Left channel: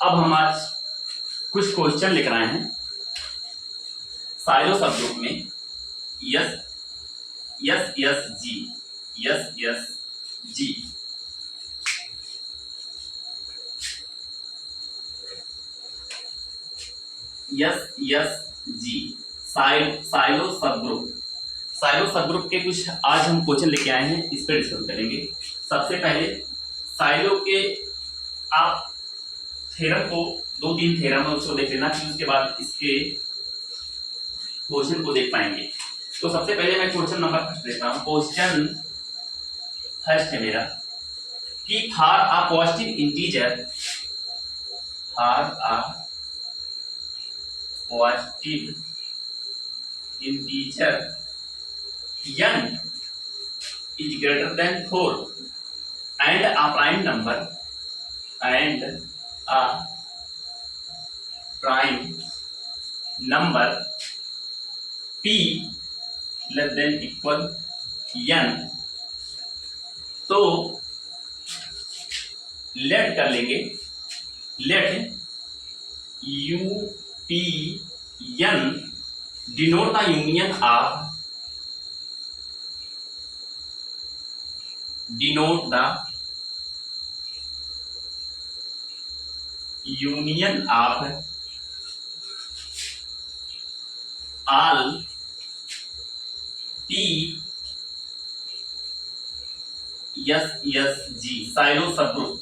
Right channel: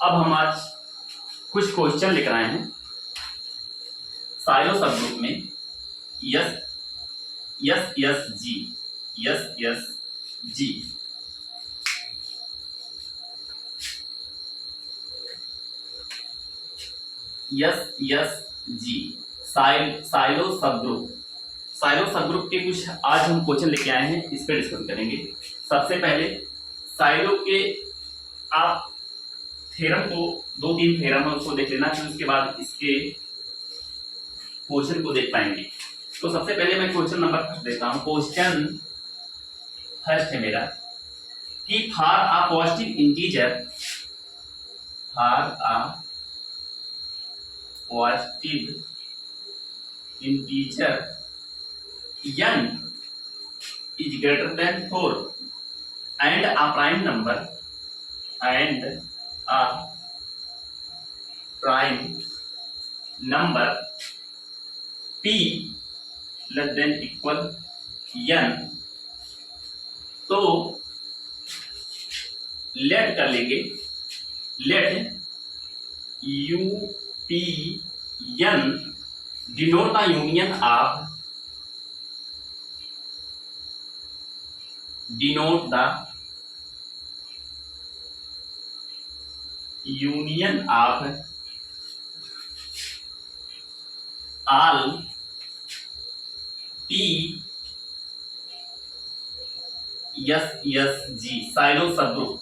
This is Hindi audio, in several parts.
अब हम आज कुछ क्वेश्चन लिख रहे हैं साइलो सब ग्रुप में यस यस यस जी यस यस जी यस यस जी साइलो सब ग्रुप के कुछ आज हम क्वेश्चन लेके आए हैं, इस पर डिस्कस करेंगे। सबसे पहले साइलो के आप थ्योरम को 2-3 थ्योरम है उसको देख लेना, फिर उसके बाद इसके क्वेश्चन को देख पाएंगे। तो सबसे पहले मैं क्वेश्चन नंबर फर्स्ट देता हूँ। क्वेश्चन फर्स्ट है मेरा कि for a positive integer n is greater than 4 and a prime number p less than equal n, तो लेट कर लेंगे, late u p n denote the union of all p yes g silo subgroup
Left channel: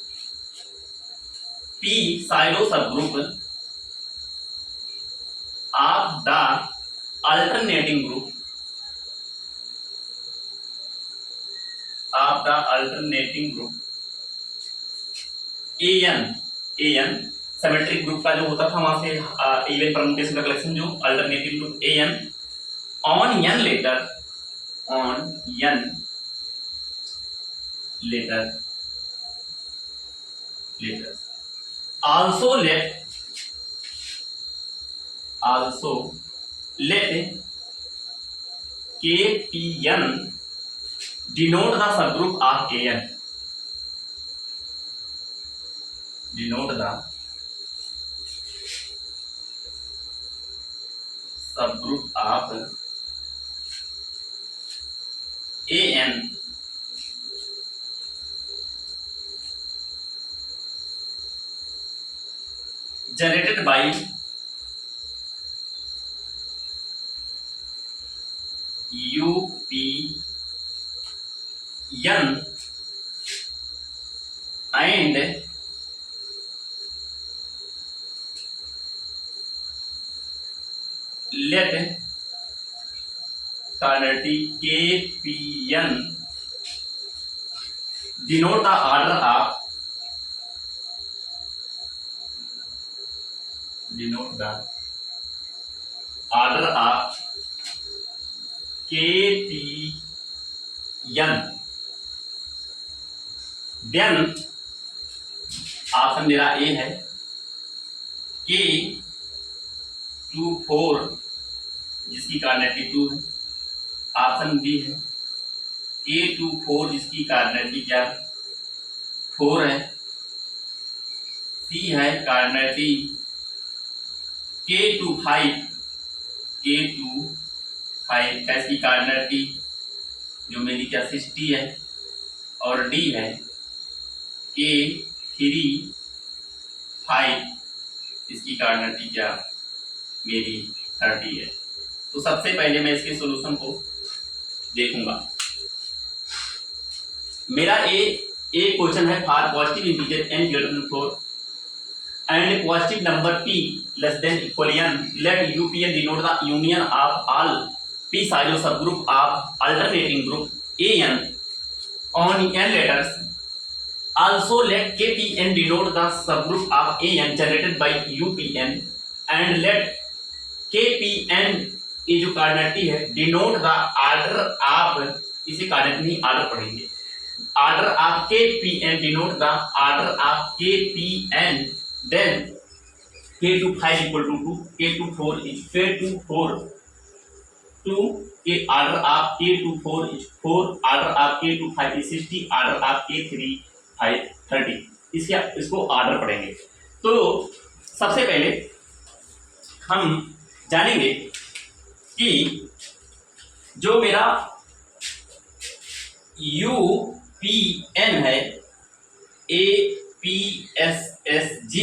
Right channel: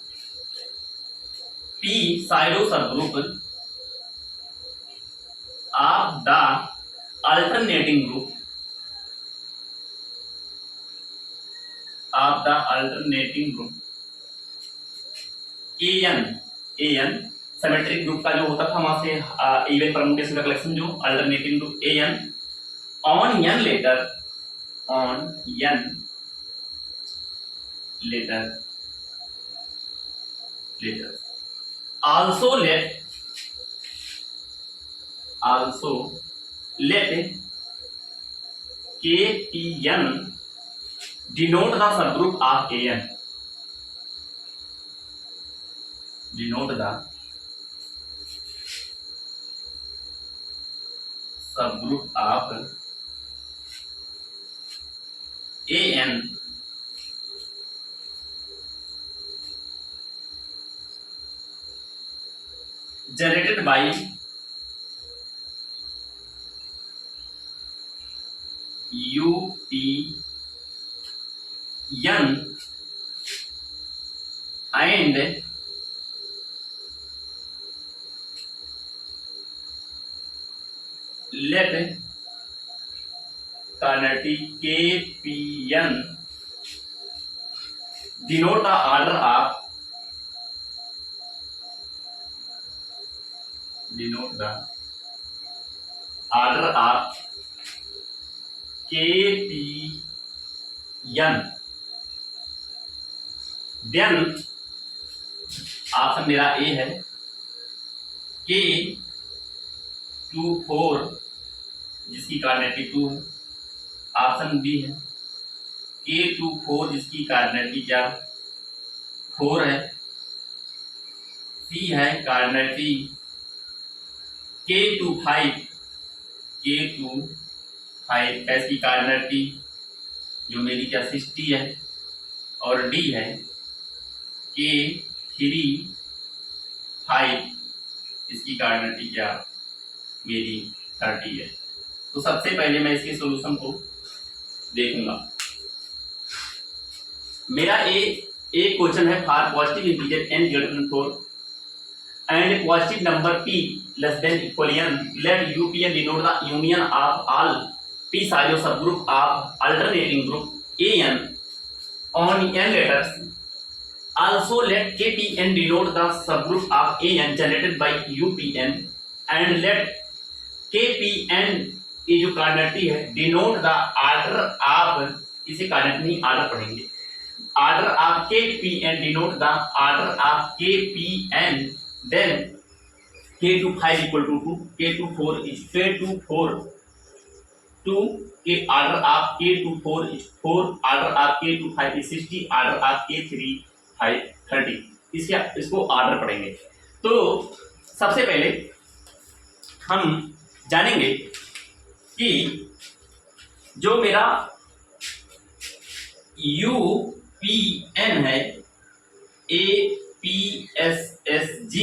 p silo subgroup of the alternating group an symmetric group का जो होता था वहां से इवन परम्यूटेशन का कलेक्शन, जो alternating group an on n later also let kpn denote the subgroup of an, denote the subgroup of an generated by UPN and let quantity KPN denote the order of KPN, then option मेरा ए है K24 जिसकी कार्डिनलिटी 2 है, ऑप्शन बी है K24 जिसकी कार्डिनलिटी क्या 4 है, सी है कार्डिनलिटी K25 क्या इसकी कार्डिनलिटी जो मेरी क्या 60 है, और डी है K35 इसकी कार्डिनलिटी क्या मेरी 30 है। तो सबसे पहले मैं इसके सॉल्यूशन को देखूंगा। मेरा ए क्वेश्चन है for positive integer n greater than 4 and positive number p less than equal n, let UPN denote the union of all p silos subgroup of alternating group an on n letters. Also let KPN denote the subgroup of an generated by UPN and let KPN ये जो कार्डिनलिटी है डिनोट द ऑर्डर ऑफ, इसे कार्डिनलिटी नहीं ऑर्डर पढ़ेंगे, order of KPN denote the order of KPN, then K25 equal to 2, K24 is K24 2, K order of K24 is 4, order of K25 is 60, order of K35 30। इसको ऑर्डर पढ़ेंगे। तो सबसे पहले हम जानेंगे कि जो मेरा यूपीएन है, APSSG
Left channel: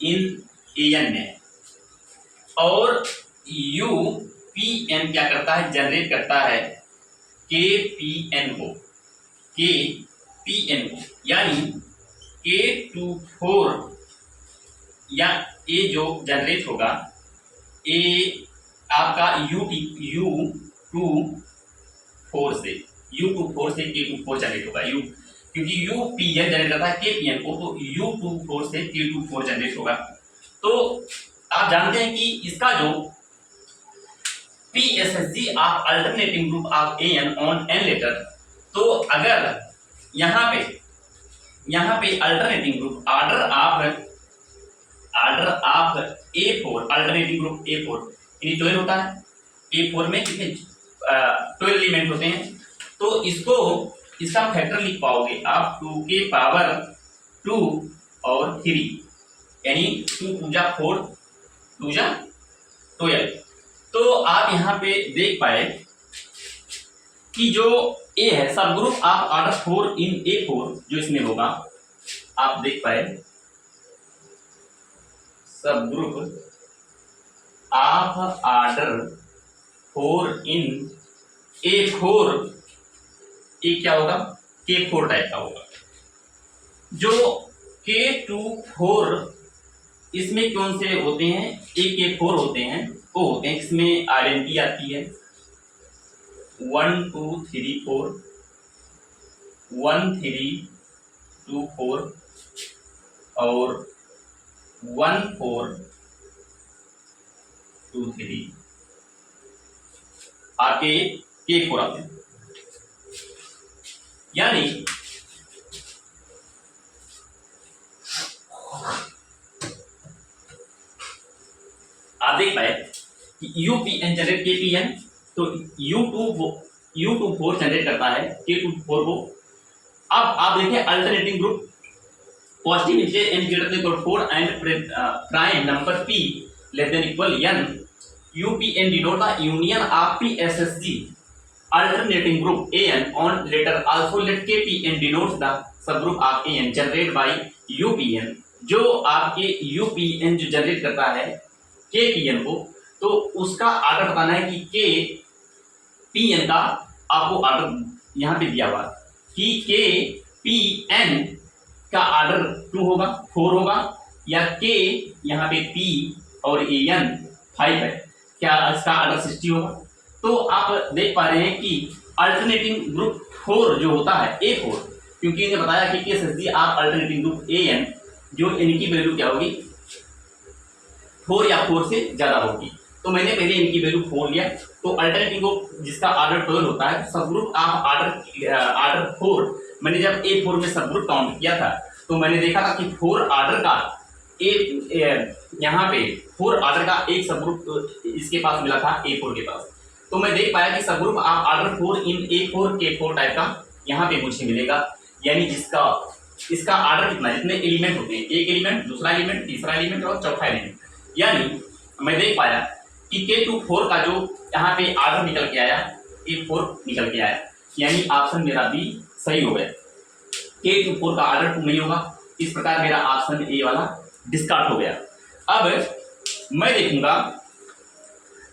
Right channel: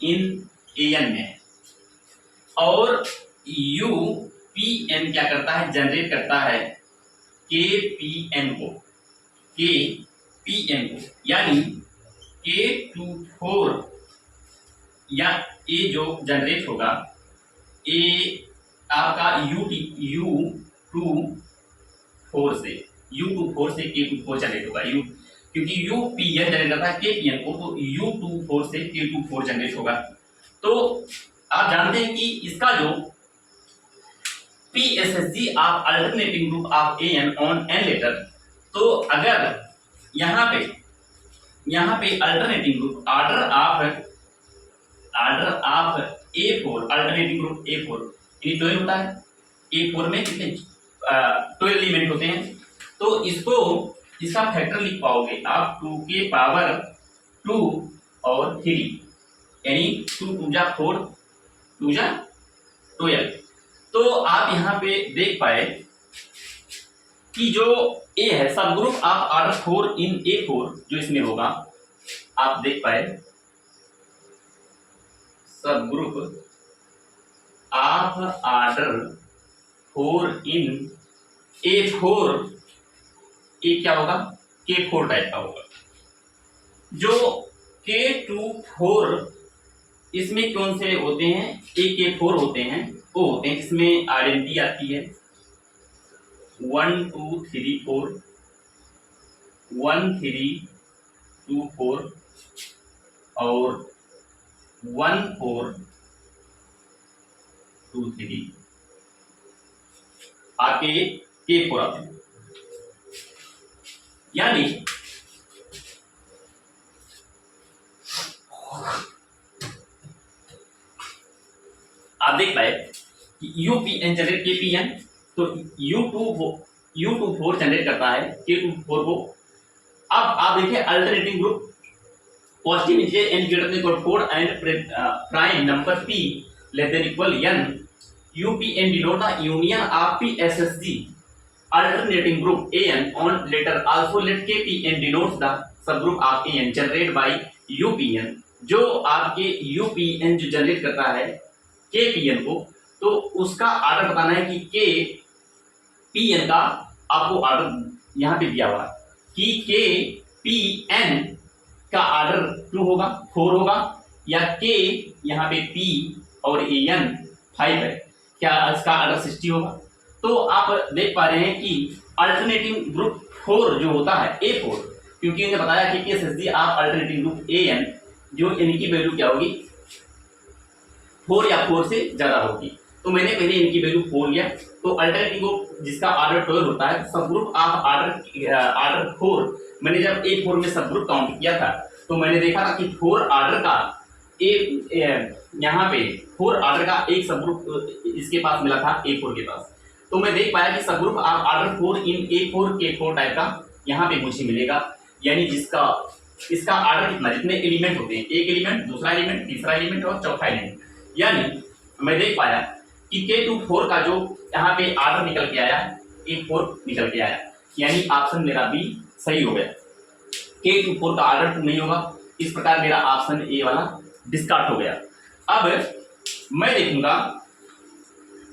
इन एन में, और यूपीएन क्या करता है, जनरेट करता है केपीएन को, यानी K24 या ए जो जनरेट होगा, ए आपका U24 से K24 जनरेट होगा, क्योंकि यूपीएन जनरेट करता है केपीएन को, तो U24 से K24 जनरेट होगा। तो आप जानते हैं कि इसका जो PSSG of alternating group of N on N letter, तो अगर यहाँ पे alternating group order of A4, alternating group A4 यानी 12 होता है। A4 में कितने 12 एलिमेंट होते हैं, तो इसका फैक्टर लिख पाओगे आप 2 के पावर 2 और 3, यानी 2 2 जा 4, 2 जा 12। तो आप यहाँ पे देख पाए कि जो ए है, सब group of order 4 in A4 जो इसमें होगा, आप देख पाए सब group of order 4 in A4, ये क्या होगा, K4 टाइप का होगा। जो K24 इसमें कौन से होते हैं, K4 होते हैं, वो होते हैं इसमें आइडेंटिटी आती है 1 2 3 4, 1 3 2 4 और 1 4 2 3, आपके K4 आते हैं। यानी आप देख पाए कि यूपीएन जनरेट केपीएन, तो U24 जनरेट करता है K24 को। अब आप देखिए alternating group positive integer n greater than 4 and prime number p less than equal n, UPN denote the union of PSSG alternating group AN on letter also let KPN denotes the subgroup of AN generated by UPN। जो आपके UPN जो जनरेट करता है KPN को, तो उसका ऑर्डर बताना है कि KPN का आपको ऑर्डर यहाँ पे दिया हुआ कि KPN का ऑर्डर 2 होगा, 4 होगा, या K यहाँ पे P और AN 5 है, क्या इसका ऑर्डर 60 होगा। तो आप देख पा रहे हैं कि अल्टरनेटिंग ग्रुप 4 जो होता है A4, क्योंकि इन्हें बताया कि PSSG आप अल्टरनेटिंग ग्रुप AN जो इनकी वैल्यू क्या होगी, 4 या 4 से ज्यादा होगी। तो मैंने पहले इनकी वैल्यू 4 लिया, तो अल्टरनेटिंग ग्रुप जिसका ऑर्डर 12 होता है, सब ग्रुप आप ऑर्डर 4, मैंने जब A4 में सब ग्रुप काउंट किया था, तो मैंने देखा था कि 4 ऑर्डर का यहाँ पे 4 ऑर्डर का एक सब ग्रुप इसके पास मिला था A4 के पास। तो मैं देख पाया कि सब ग्रुप आप ऑर्डर 4 इन A4 K4 टाइप का यहाँ पे मुझे मिलेगा, यानी जिसका इसका ऑर्डर कितना, जितने एलिमेंट होते हैं, एक एलिमेंट, दूसरा एलिमेंट, तीसरा एलिमेंट और चौथा एलिमेंट, यानी मैं देख पाया कि K24 का जो यहाँ पे ऑर्डर निकल के आया, A4 निकल के आया, यानी ऑप्शन मेरा बी सही हो गया। K24 का ऑर्डर 2 नहीं होगा, इस प्रकार मेरा ऑप्शन ए वाला डिस्कार्ड हो गया। अब मैं देखूंगा,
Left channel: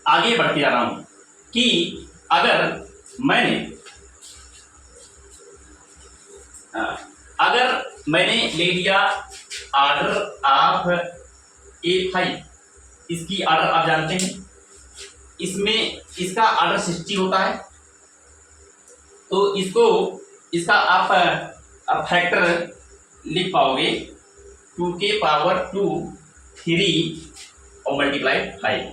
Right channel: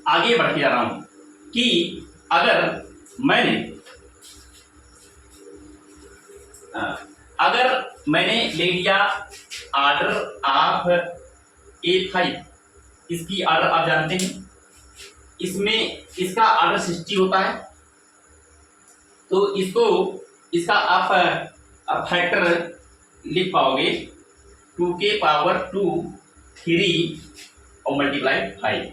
आगे बढ़ते जा रहा हूं कि अगर मैंने ले लिया ऑर्डर ऑफ A5, इसकी ऑर्डर आप जानते हैं, इसमें इसका ऑर्डर 60 होता है, तो इसका आप फैक्टर लिख पाओगे 2 के पावर 2 3 और मल्टीप्लाई 5,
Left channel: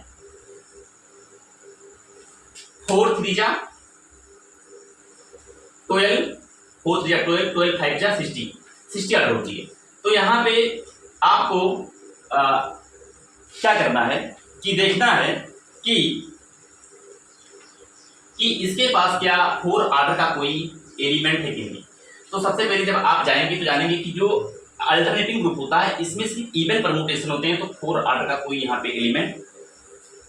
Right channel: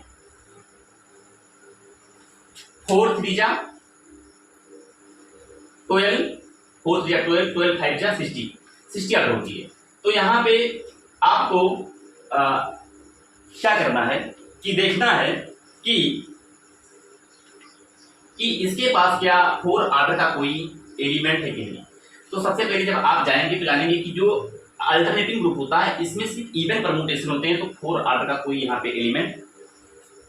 4 3 जा 12, 4 3 जा 12, 12 5 जा 60 ऑर्डर होती है। तो यहाँ पे आपको क्या करना है कि देखना है कि इसके पास क्या 4 ऑर्डर का कोई एलिमेंट है कि नहीं। तो सबसे पहले जब आप जाएंगे तो जानेंगे कि जो अल्टरनेटिंग ग्रुप होता है, इसमें सिर्फ इवन परमुटेशन होते हैं, तो 4 ऑर्डर का कोई यहाँ पे एलिमेंट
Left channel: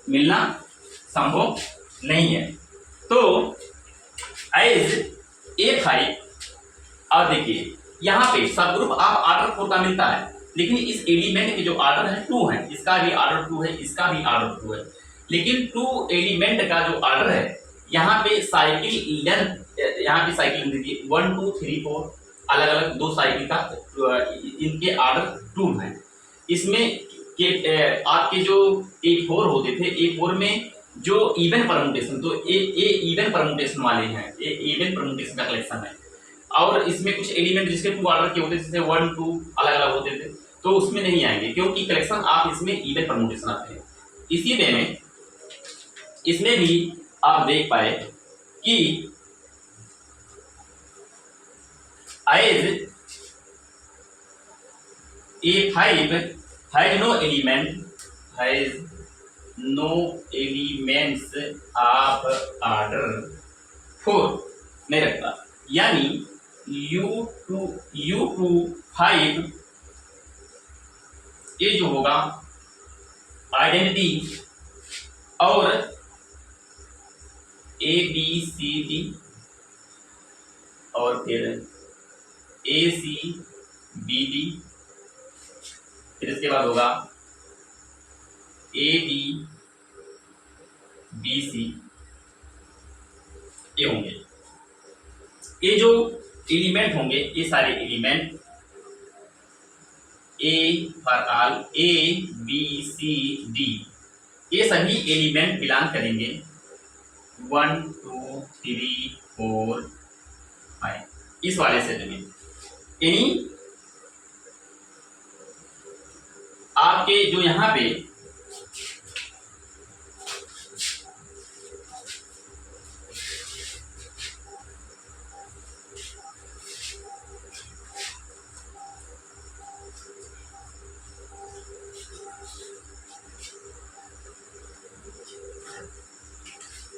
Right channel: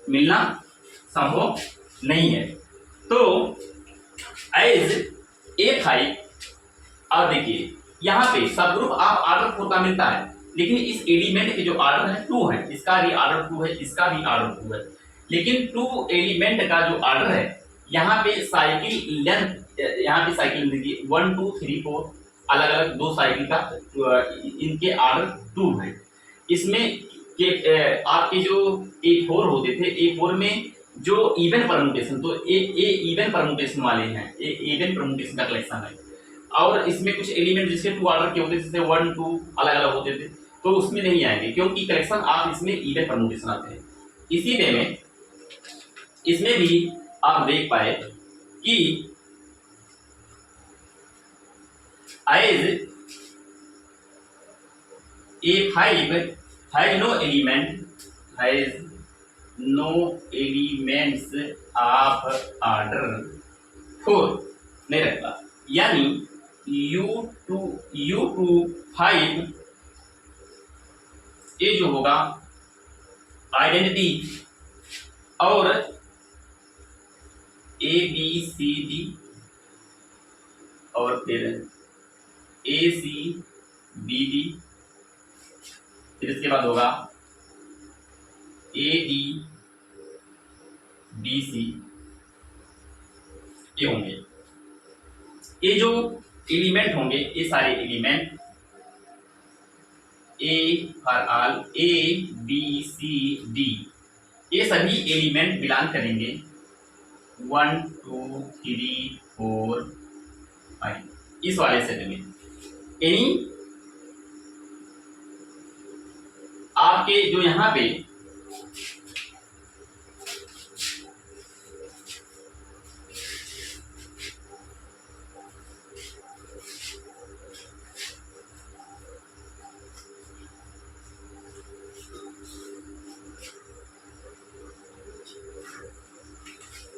मिलना संभव नहीं है। तो एज A5, और देखिए यहाँ पे सब ग्रुप आप ऑर्डर 4 का मिलता है, लेकिन इस एलिमेंट के जो ऑर्डर है 2 है, इसका भी ऑर्डर 2 है, इसका भी ऑर्डर 2 है, लेकिन 2 एलिमेंट का जो ऑर्डर है यहाँ पे साइकिल लेंथ, यहाँ पे साइकिल देखिए 1 2 3 4 अलग अलग 2 साइकिल का इनके ऑर्डर 2 है। इसमें के आपके जो A4 होते थे, A4 में जो इवन परमुटेशन, तो ए इवन परमुटेशन वाले हैं, ए इवन परमुटेशन का कलेक्शन है, और इसमें कुछ एलिमेंट जिसके 2 ऑर्डर के होते थे, जैसे 1 2 अलग अलग होते थे, तो उसमें नहीं आएंगे, क्योंकि कलेक्शन आप इसमें इवन परमुटेशन आते हैं। इसी वे में इसमें भी आप देख पाए कि as A5 has no elements of order 4 नहीं रखता, यानी U25 ये जो होगा आइडेंटिटी और ABCD और फिर ACBD, फिर इसके बाद होगा ADBC, ये होंगे। ये जो एलिमेंट होंगे, ये सारे element A for all ABCD, ये सभी एलिमेंट बिलोंग करेंगे 1 2 3 4 5 इस वाले सेट में। यानी आपके जो यहाँ पे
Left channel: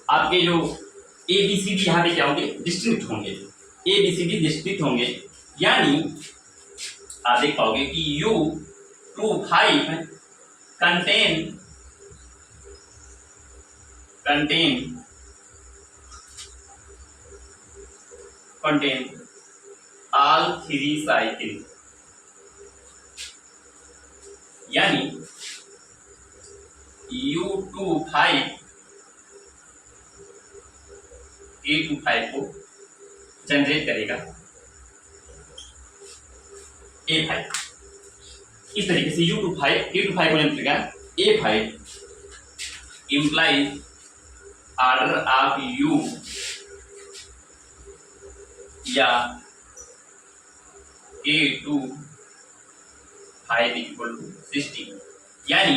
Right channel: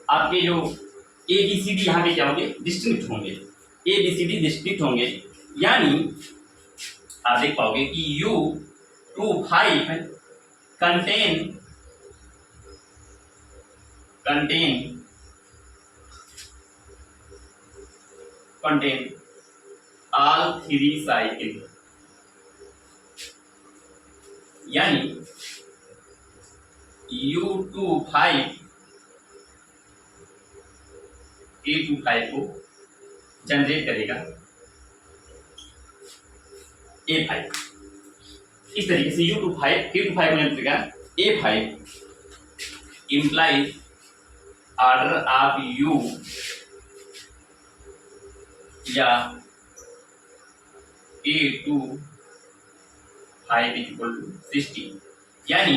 आपके जो ABCD यहाँ पे क्या होंगे, डिस्टिंक्ट होंगे, ABCD डिस्टिंक्ट होंगे, यानी आप देख पाओगे कि U25 कंटेन ऑल 3 साइकिल, यानी U25 A25 को जनरेट करेगा A5, इस तरीके से U25 A25 को जनरेट करेगा A5 implies order of U या A25 इक्वल टू 60, यानी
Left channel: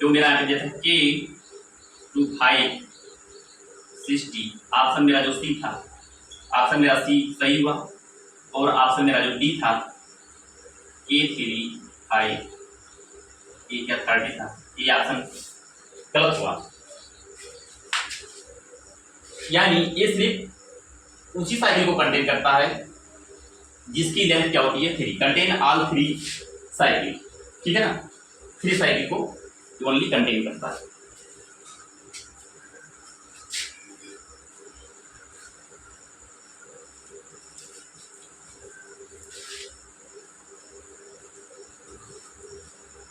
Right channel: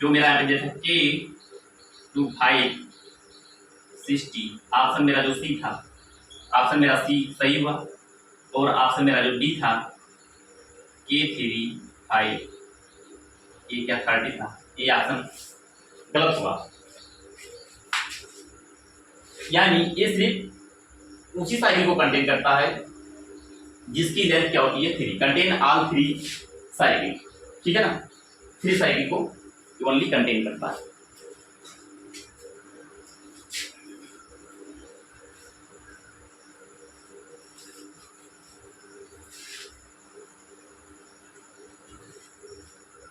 जो मेरा यहाँ पे जैसे K25 60, ऑप्शन मेरा जो सी था, ऑप्शन मेरा सी सही हुआ, और ऑप्शन मेरा जो डी था K35, ये क्या 30 था, ये ऑप्शन गलत हुआ। यानी ये सिर्फ उसी साइकिल को कंटेन करता है जिसकी लेंथ क्या होती है 3, कंटेन ऑल 3 साइकिल, ठीक है ना, 3 साइकिल को ओनली कंटेन करता है।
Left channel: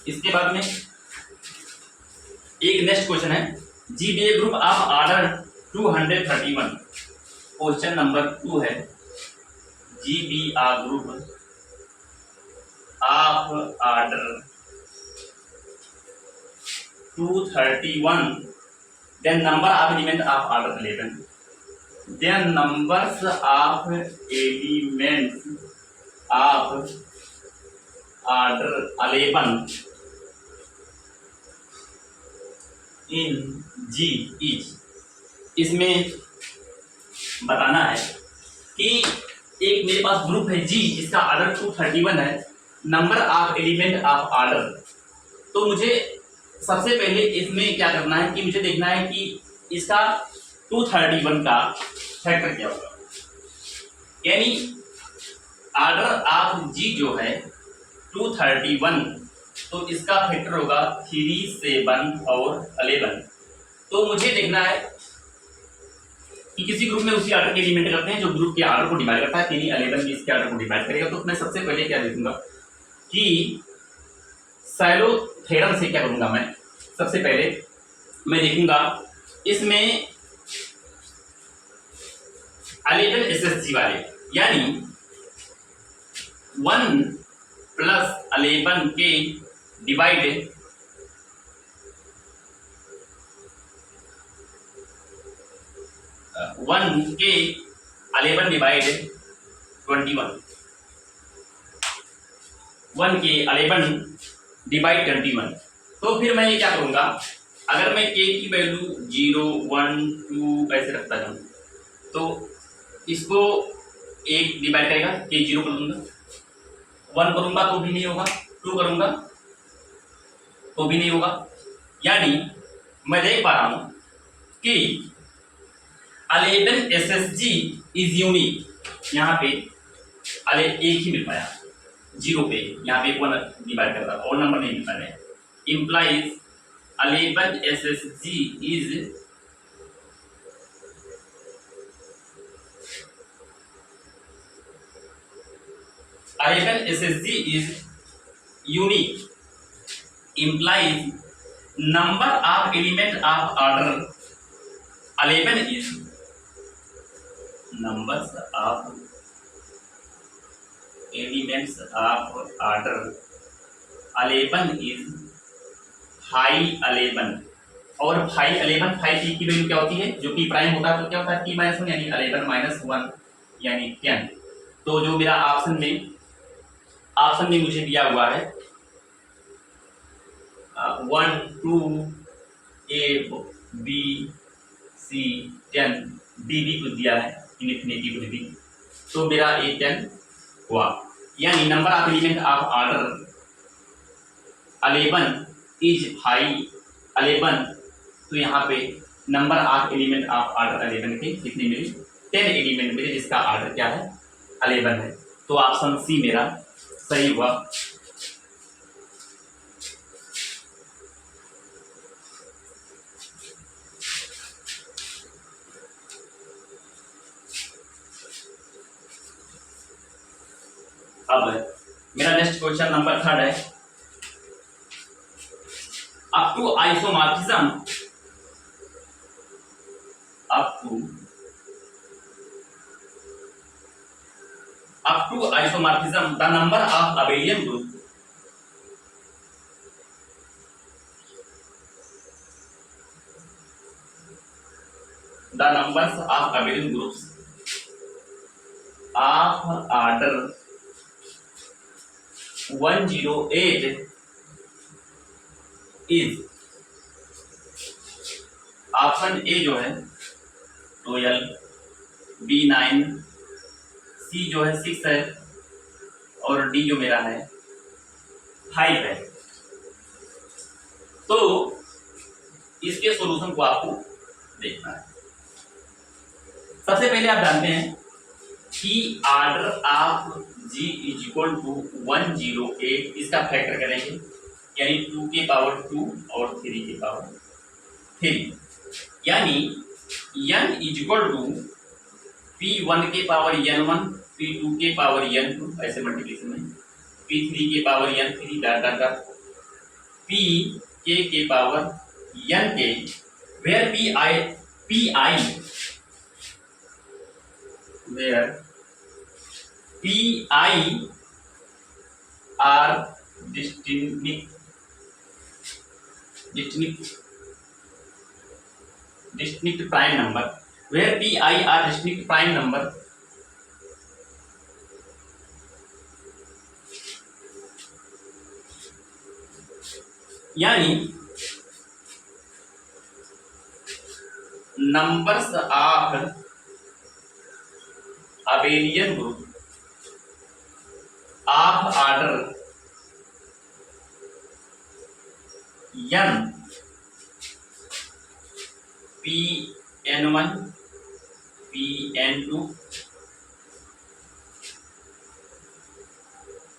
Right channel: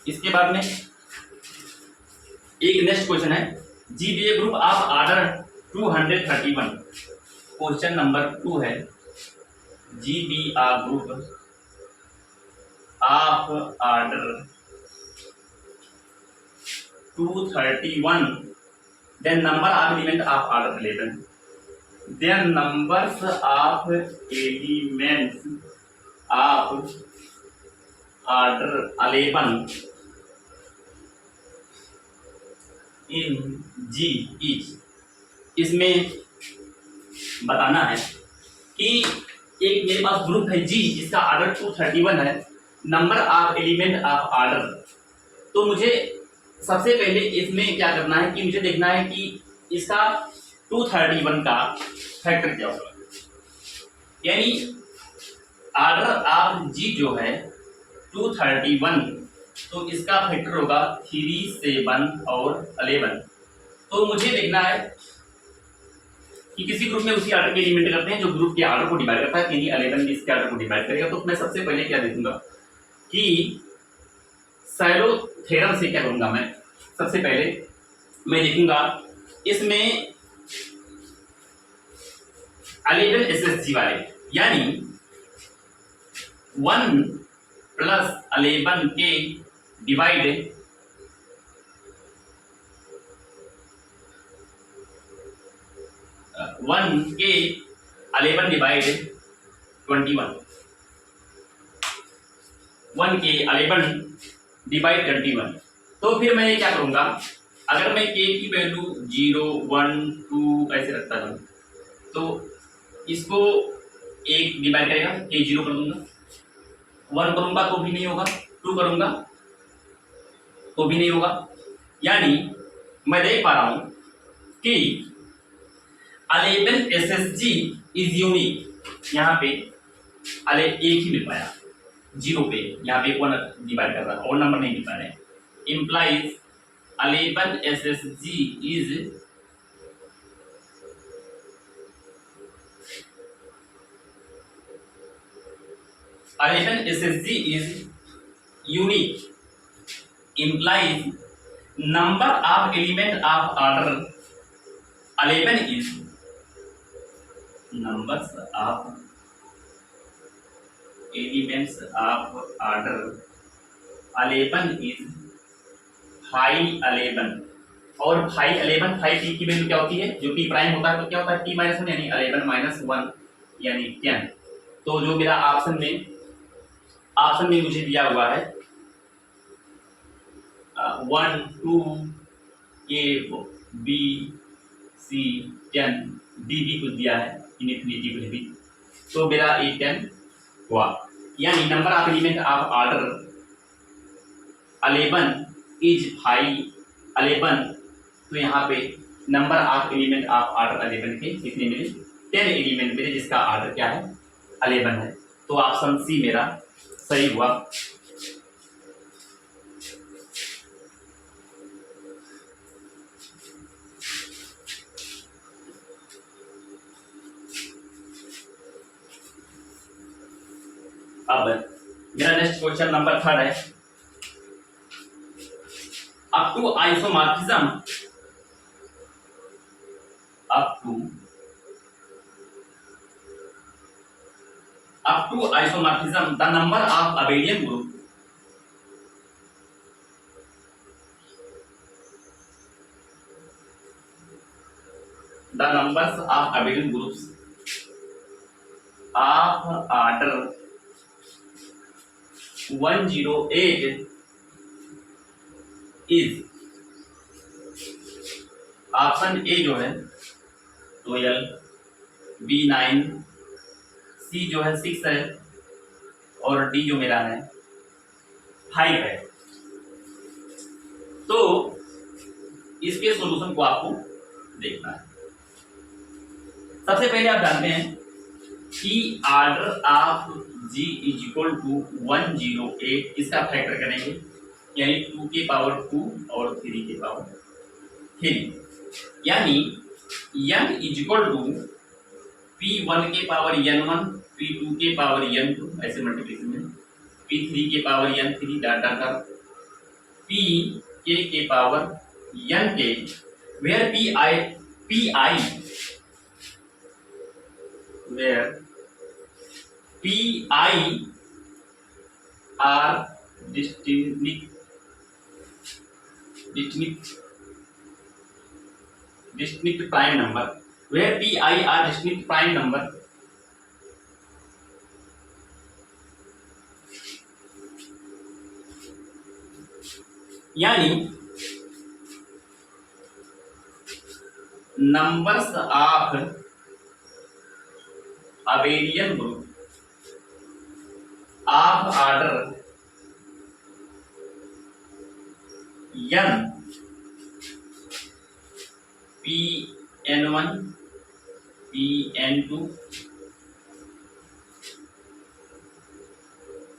इसके बाद में एक नेक्स्ट क्वेश्चन है, GBA group of order 231, question number 2 है, GBA group of order 231, then number of element of order 11, then numbers of elements of order 11 in G is. इसमें बताना है कि एक मेरे पास ग्रुप है जी जिसका ऑर्डर 231 है, number of element of order, तो मुझे सबसे पहले इसमें क्या करना है कि मुझे देखना है कि इसका 231 का फैक्टर क्या होगा, यानी ऑर्डर ऑफ जी जो है 231, तो इसका फैक्टर होगा 3, 7 और 11। तो मुझे लिखना है कि किसी ग्रुप में उसी आर्डर के एलिमेंट करते हैं जो ग्रुप के आर्डर को डिवाइड करता है, यानी 11 भी इसके आर्डर को डिवाइड करेगा। तो मैं सबसे पहले क्या देखूंगा कि साइलो थ्योरम से क्या करूंगा मैं, सबसे पहले मैं देखूंगा इसमें 11 एसएसजी वाले, यानी 1 प्लस 11 के डिवाइड 1 के 11 डिवाइड 21, 1 के 11 डिवाइड 21। तो फिर मैं ये क्या करूंगा, अगर मैं के की वैल्यू 0, 1, 2 ऐसे रखता जाऊं तो इसको 1 डिवाइड करेगा, के 0 कर दूंगा, 1 करूंगा तो भी नहीं होगा, 2 करूंगा तो भी नहीं होगा। यानी मैं देख पा रहा हूं कि 11 SSG इज यूनिक। यहाँ पे एक ही मिल पाया, 0 पे यहाँ पे 1 डिवाइड करता और नंबर नहीं मिल पा रहे, implies 11 SSG is SSG is unique, implies number of element of order 11 is numbers of elements of order 11 is 511। और 511 5 की वैल्यू क्या होती है, जो p प्राइम होता है तो क्या होता है p -1 यानी 11 - 1 यानी 10। तो जो मेरा ऑप्शन में मुझे दिया हुआ है 1, 2, A, B, C 10, D भी कुछ दिया है इनफिनिटी कुछ भी, तो मेरा A 10 हुआ। यानी number of element of order 11 is 511। तो यहाँ पे number of element of order 11 के कितने मिले, 10 एलिमेंट मिले, जिसका ऑर्डर क्या है 11 है। तो ऑप्शन सी मेरा सही हुआ। अब मेरा नेक्स्ट क्वेश्चन नंबर 3 है, up to isomorphism the number of abelian group the numbers of abelian groups of order 108 is option A जो है 12, बी 9, सी जो है 6 है और डी जो मेरा है 5 है। तो इसके सॉल्यूशन को आपको देखना है। सबसे पहले आप जानते हैं कि order of G is equal to 108, इसका फैक्टर करेंगे यानी 2 के पावर 2 और 3 के पावर 3, यानी n is equal to P1 के पावर n1, P2 के पावर n2 ऐसे मल्टीप्लिकेशन में, P3 के power n3 dot dot dot, P के पावर n के, where Pi are distinct prime number, where Pi are distinct prime number, यानी numbers of abelian group of order n, Pn1, Pn2,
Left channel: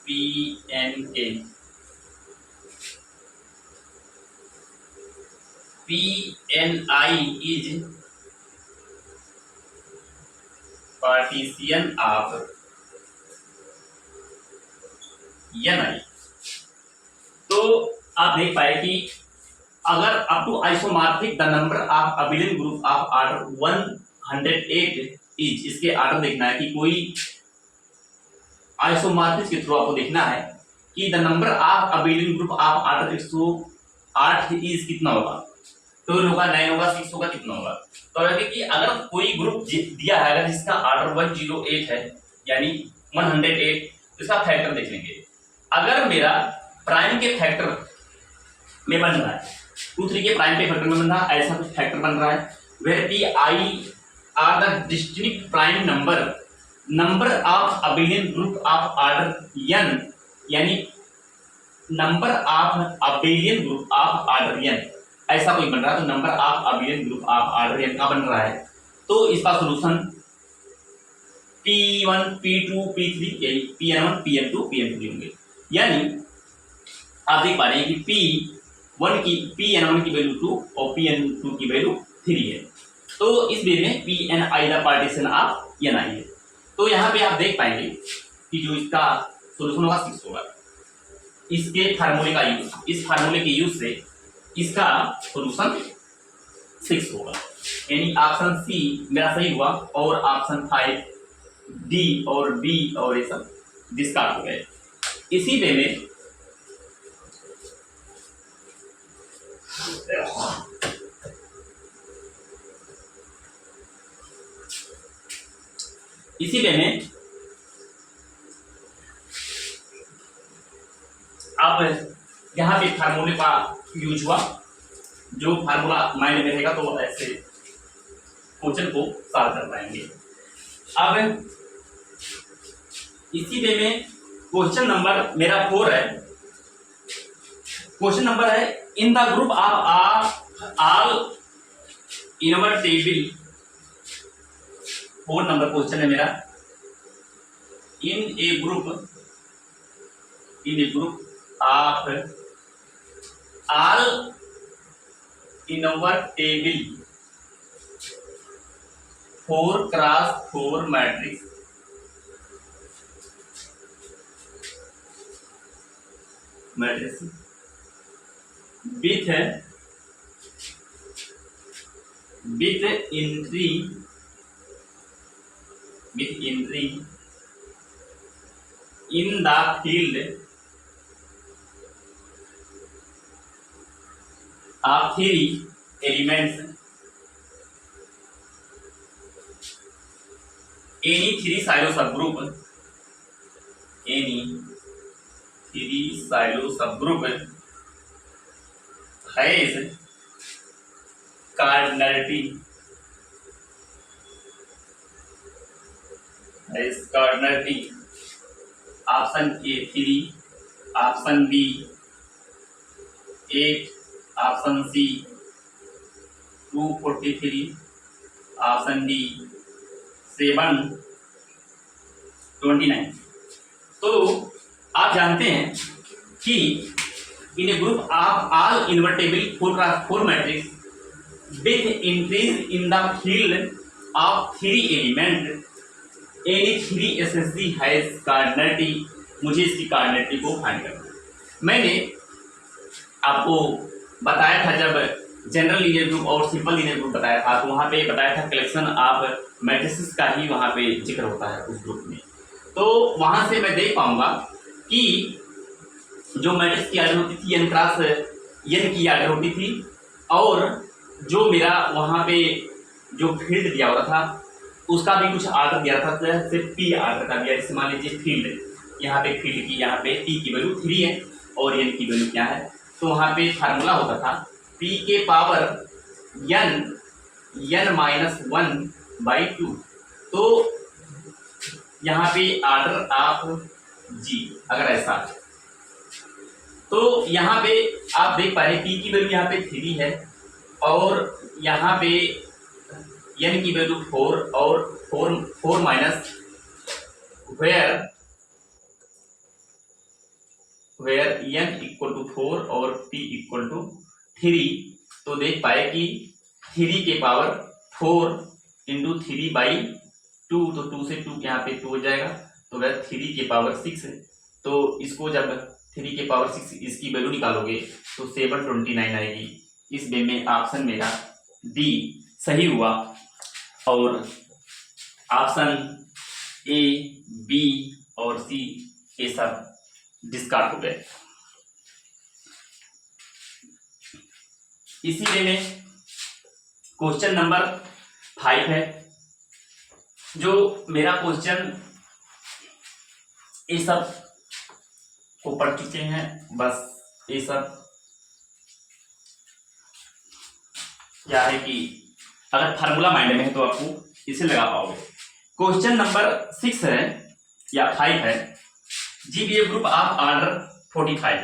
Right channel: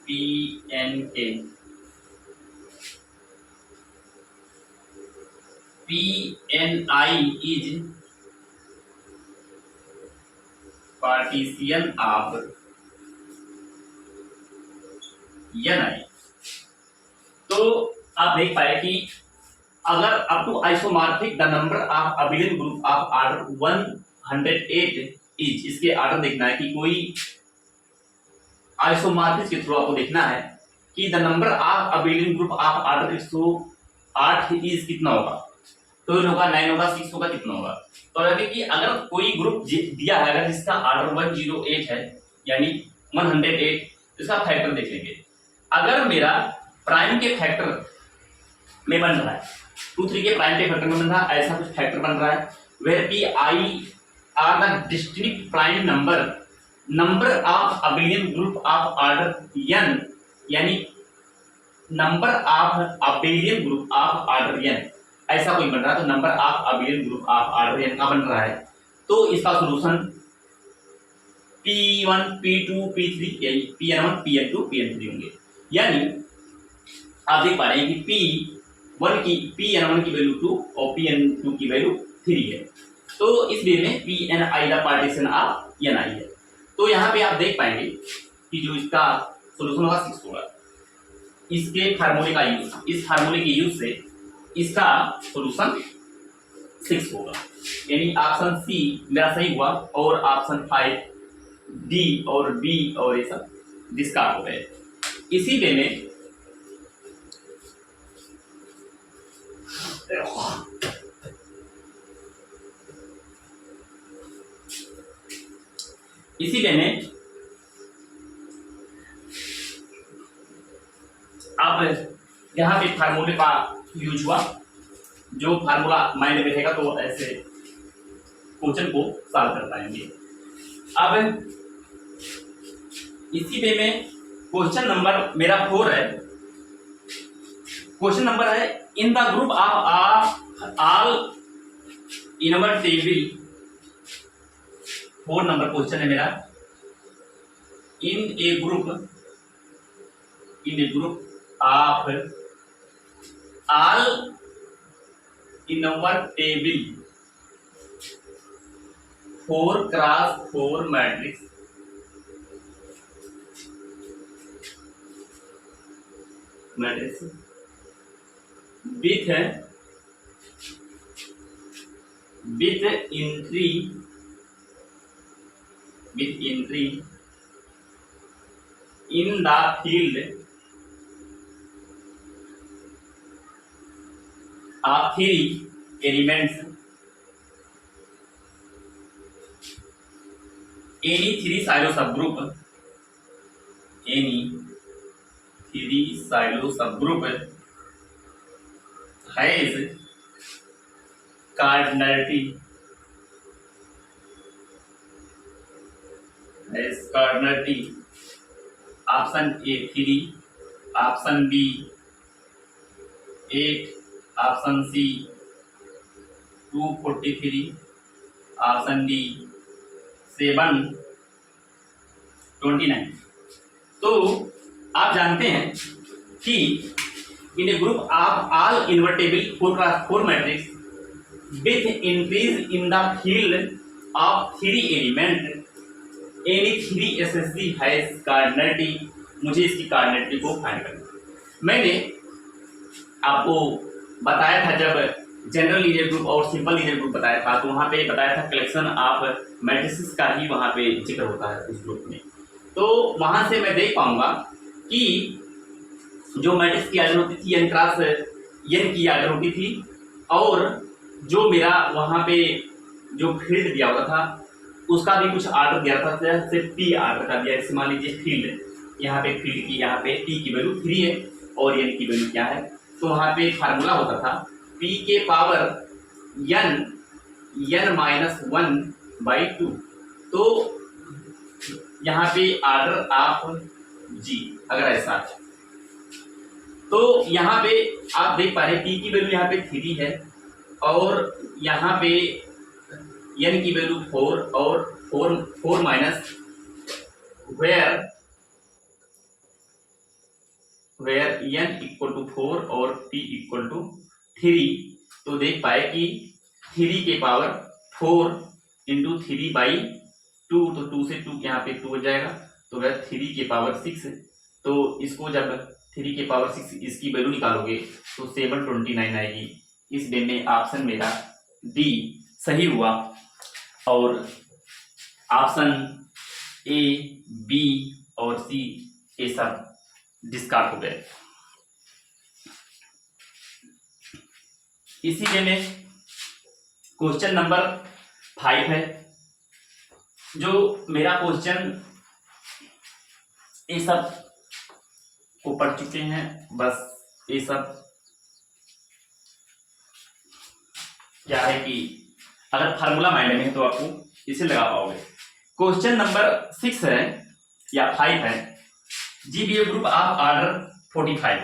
PNK, PNI is partition of NI। तो आप देख पाए कि अगर up to isomorphic the number of abelian group of order 108 is, इसके ऑर्डर देखना है कि कोई आइसोमॉर्फिक के थ्रू आपको देखना है कि the number of abelian group of order 108 is कितना होगा। तो होगा 9 होगा 6 होगा कितना होगा। तो यानी कि अगर कोई ग्रुप दिया है, अगर जिसका ऑर्डर 108 है यानी 108, तो इसका फैक्टर देख लेंगे। अगर मेरा प्राइम के फैक्टर में बन रहा है, 2 3 के प्राइम के फैक्टर में बन रहा है, ऐसा कुछ फैक्टर बन रहा है, where P I are the distinct prime number of abelian group of order n, यानी number of abelian group of order n, ऐसा कोई बन रहा है। तो number of abelian group of order n का बन रहा है, तो इसका सॉल्यूशन P1 P2 P3 यही Pn1 Pn2 Pn3 होंगे। यानी आप देख पा रहे हैं कि Pn1 की वैल्यू 2 और Pn2 की वैल्यू 3 है। तो इस वे में Pni the partition of Ni है। तो यहाँ पे आप देख पाएंगे कि जो इसका सॉल्यूशन होगा 6 होगा। इसके फार्मूले का यूज, इस फार्मूले के यूज से इसका सॉल्यूशन 6 होगा। यानी ऑप्शन सी मेरा सही हुआ और ऑप्शन 5 डी और बी और ये सब डिस्कार्ड हो गए। इसी वे में अब यहाँ पे फार्मूले का यूज हुआ, जो फार्मूला माइंड में रहेगा तो ऐसे क्वेश्चन को सॉल्व कर पाएंगे। अब इसी वे में क्वेश्चन नंबर मेरा 4 है। क्वेश्चन नंबर है in the group of all invertible, 4 number question है मेरा। In a group of all invertible 4x4 matrix with entry in the field of 3 elements, any 3 silo subgroup has cardinality option A 3, option B 8, option C 243, option D 729। तो आप जानते हैं कि in a group of all invertible 4x4 matrix with increase in the field of 3 element any 3 SSC has cardinality. मुझे इसकी कार्डिनलिटी को फाइंड करना है। मैंने आपको बताया था जब जनरल लीनियर ग्रुप और सिंपल लीनियर ग्रुप बताया था, तो वहाँ पे बताया था कलेक्शन ऑफ मैट्रिसेस का ही वहाँ पे जिक्र होता है उस ग्रुप में। तो वहाँ से मैं देख पाऊंगा कि जो मैट्रिक्स की आर्डर होती थी n क्रॉस n की आर्डर होती थी, और जो मेरा वहाँ पे जो फील्ड दिया हुआ था उसका भी कुछ आर्डर दिया था, जैसे पी आर्डर का दिया। जैसे मान लीजिए फील्ड, यहाँ पे फील्ड की यहाँ पे टी की वैल्यू 3 है और n की वैल्यू क्या है, तो वहाँ पे फार्मूला होता था p के पावर n-1/2। तो यहाँ पे आर्डर ऑफ g अगर ऐसा है, तो यहाँ पे आप देख पा रहे हैं p की वैल्यू यहाँ पे 3 है और यहाँ पे n की वैल्यू 4 और 4 minus where where n equal to 4 और p इक्वल टू 3, तो देख पाए कि 3 के पावर 4 इंटू 3/2, तो 2 से 2 यहाँ पे 2 हो जाएगा, तो वह 3 के पावर 6 है। तो इसको जब 3 के पावर 6 इसकी वैल्यू निकालोगे तो 729 आएगी। इस वे में ऑप्शन मेरा डी सही हुआ और ऑप्शन ए, बी और सी ये सब डिस्कार्ड हो गए। इसी वे में क्वेश्चन नंबर 5 है। जो मेरा क्वेश्चन ये सब को पढ़ चुके हैं, बस ये सब क्या है कि अगर फार्मूला माइंड में है तो आपको इसे लगा पाओगे। क्वेश्चन नंबर 6 है या 5 है। G B A group of order 45,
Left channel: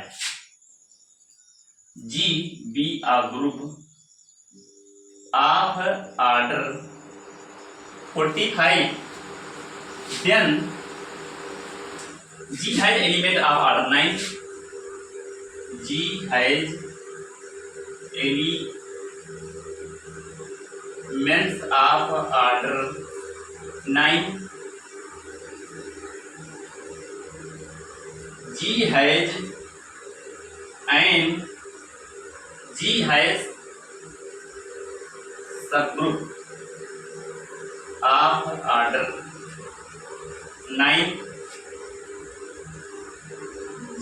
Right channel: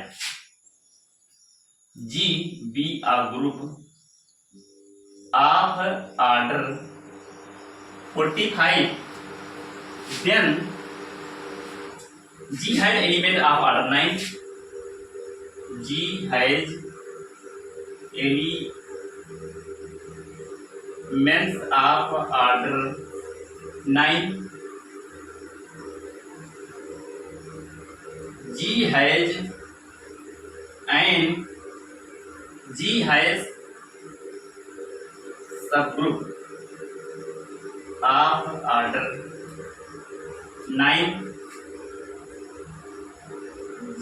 G B A group of order 45, then G has element of order 9, G has elements of order 9, G has subgroup of order 9,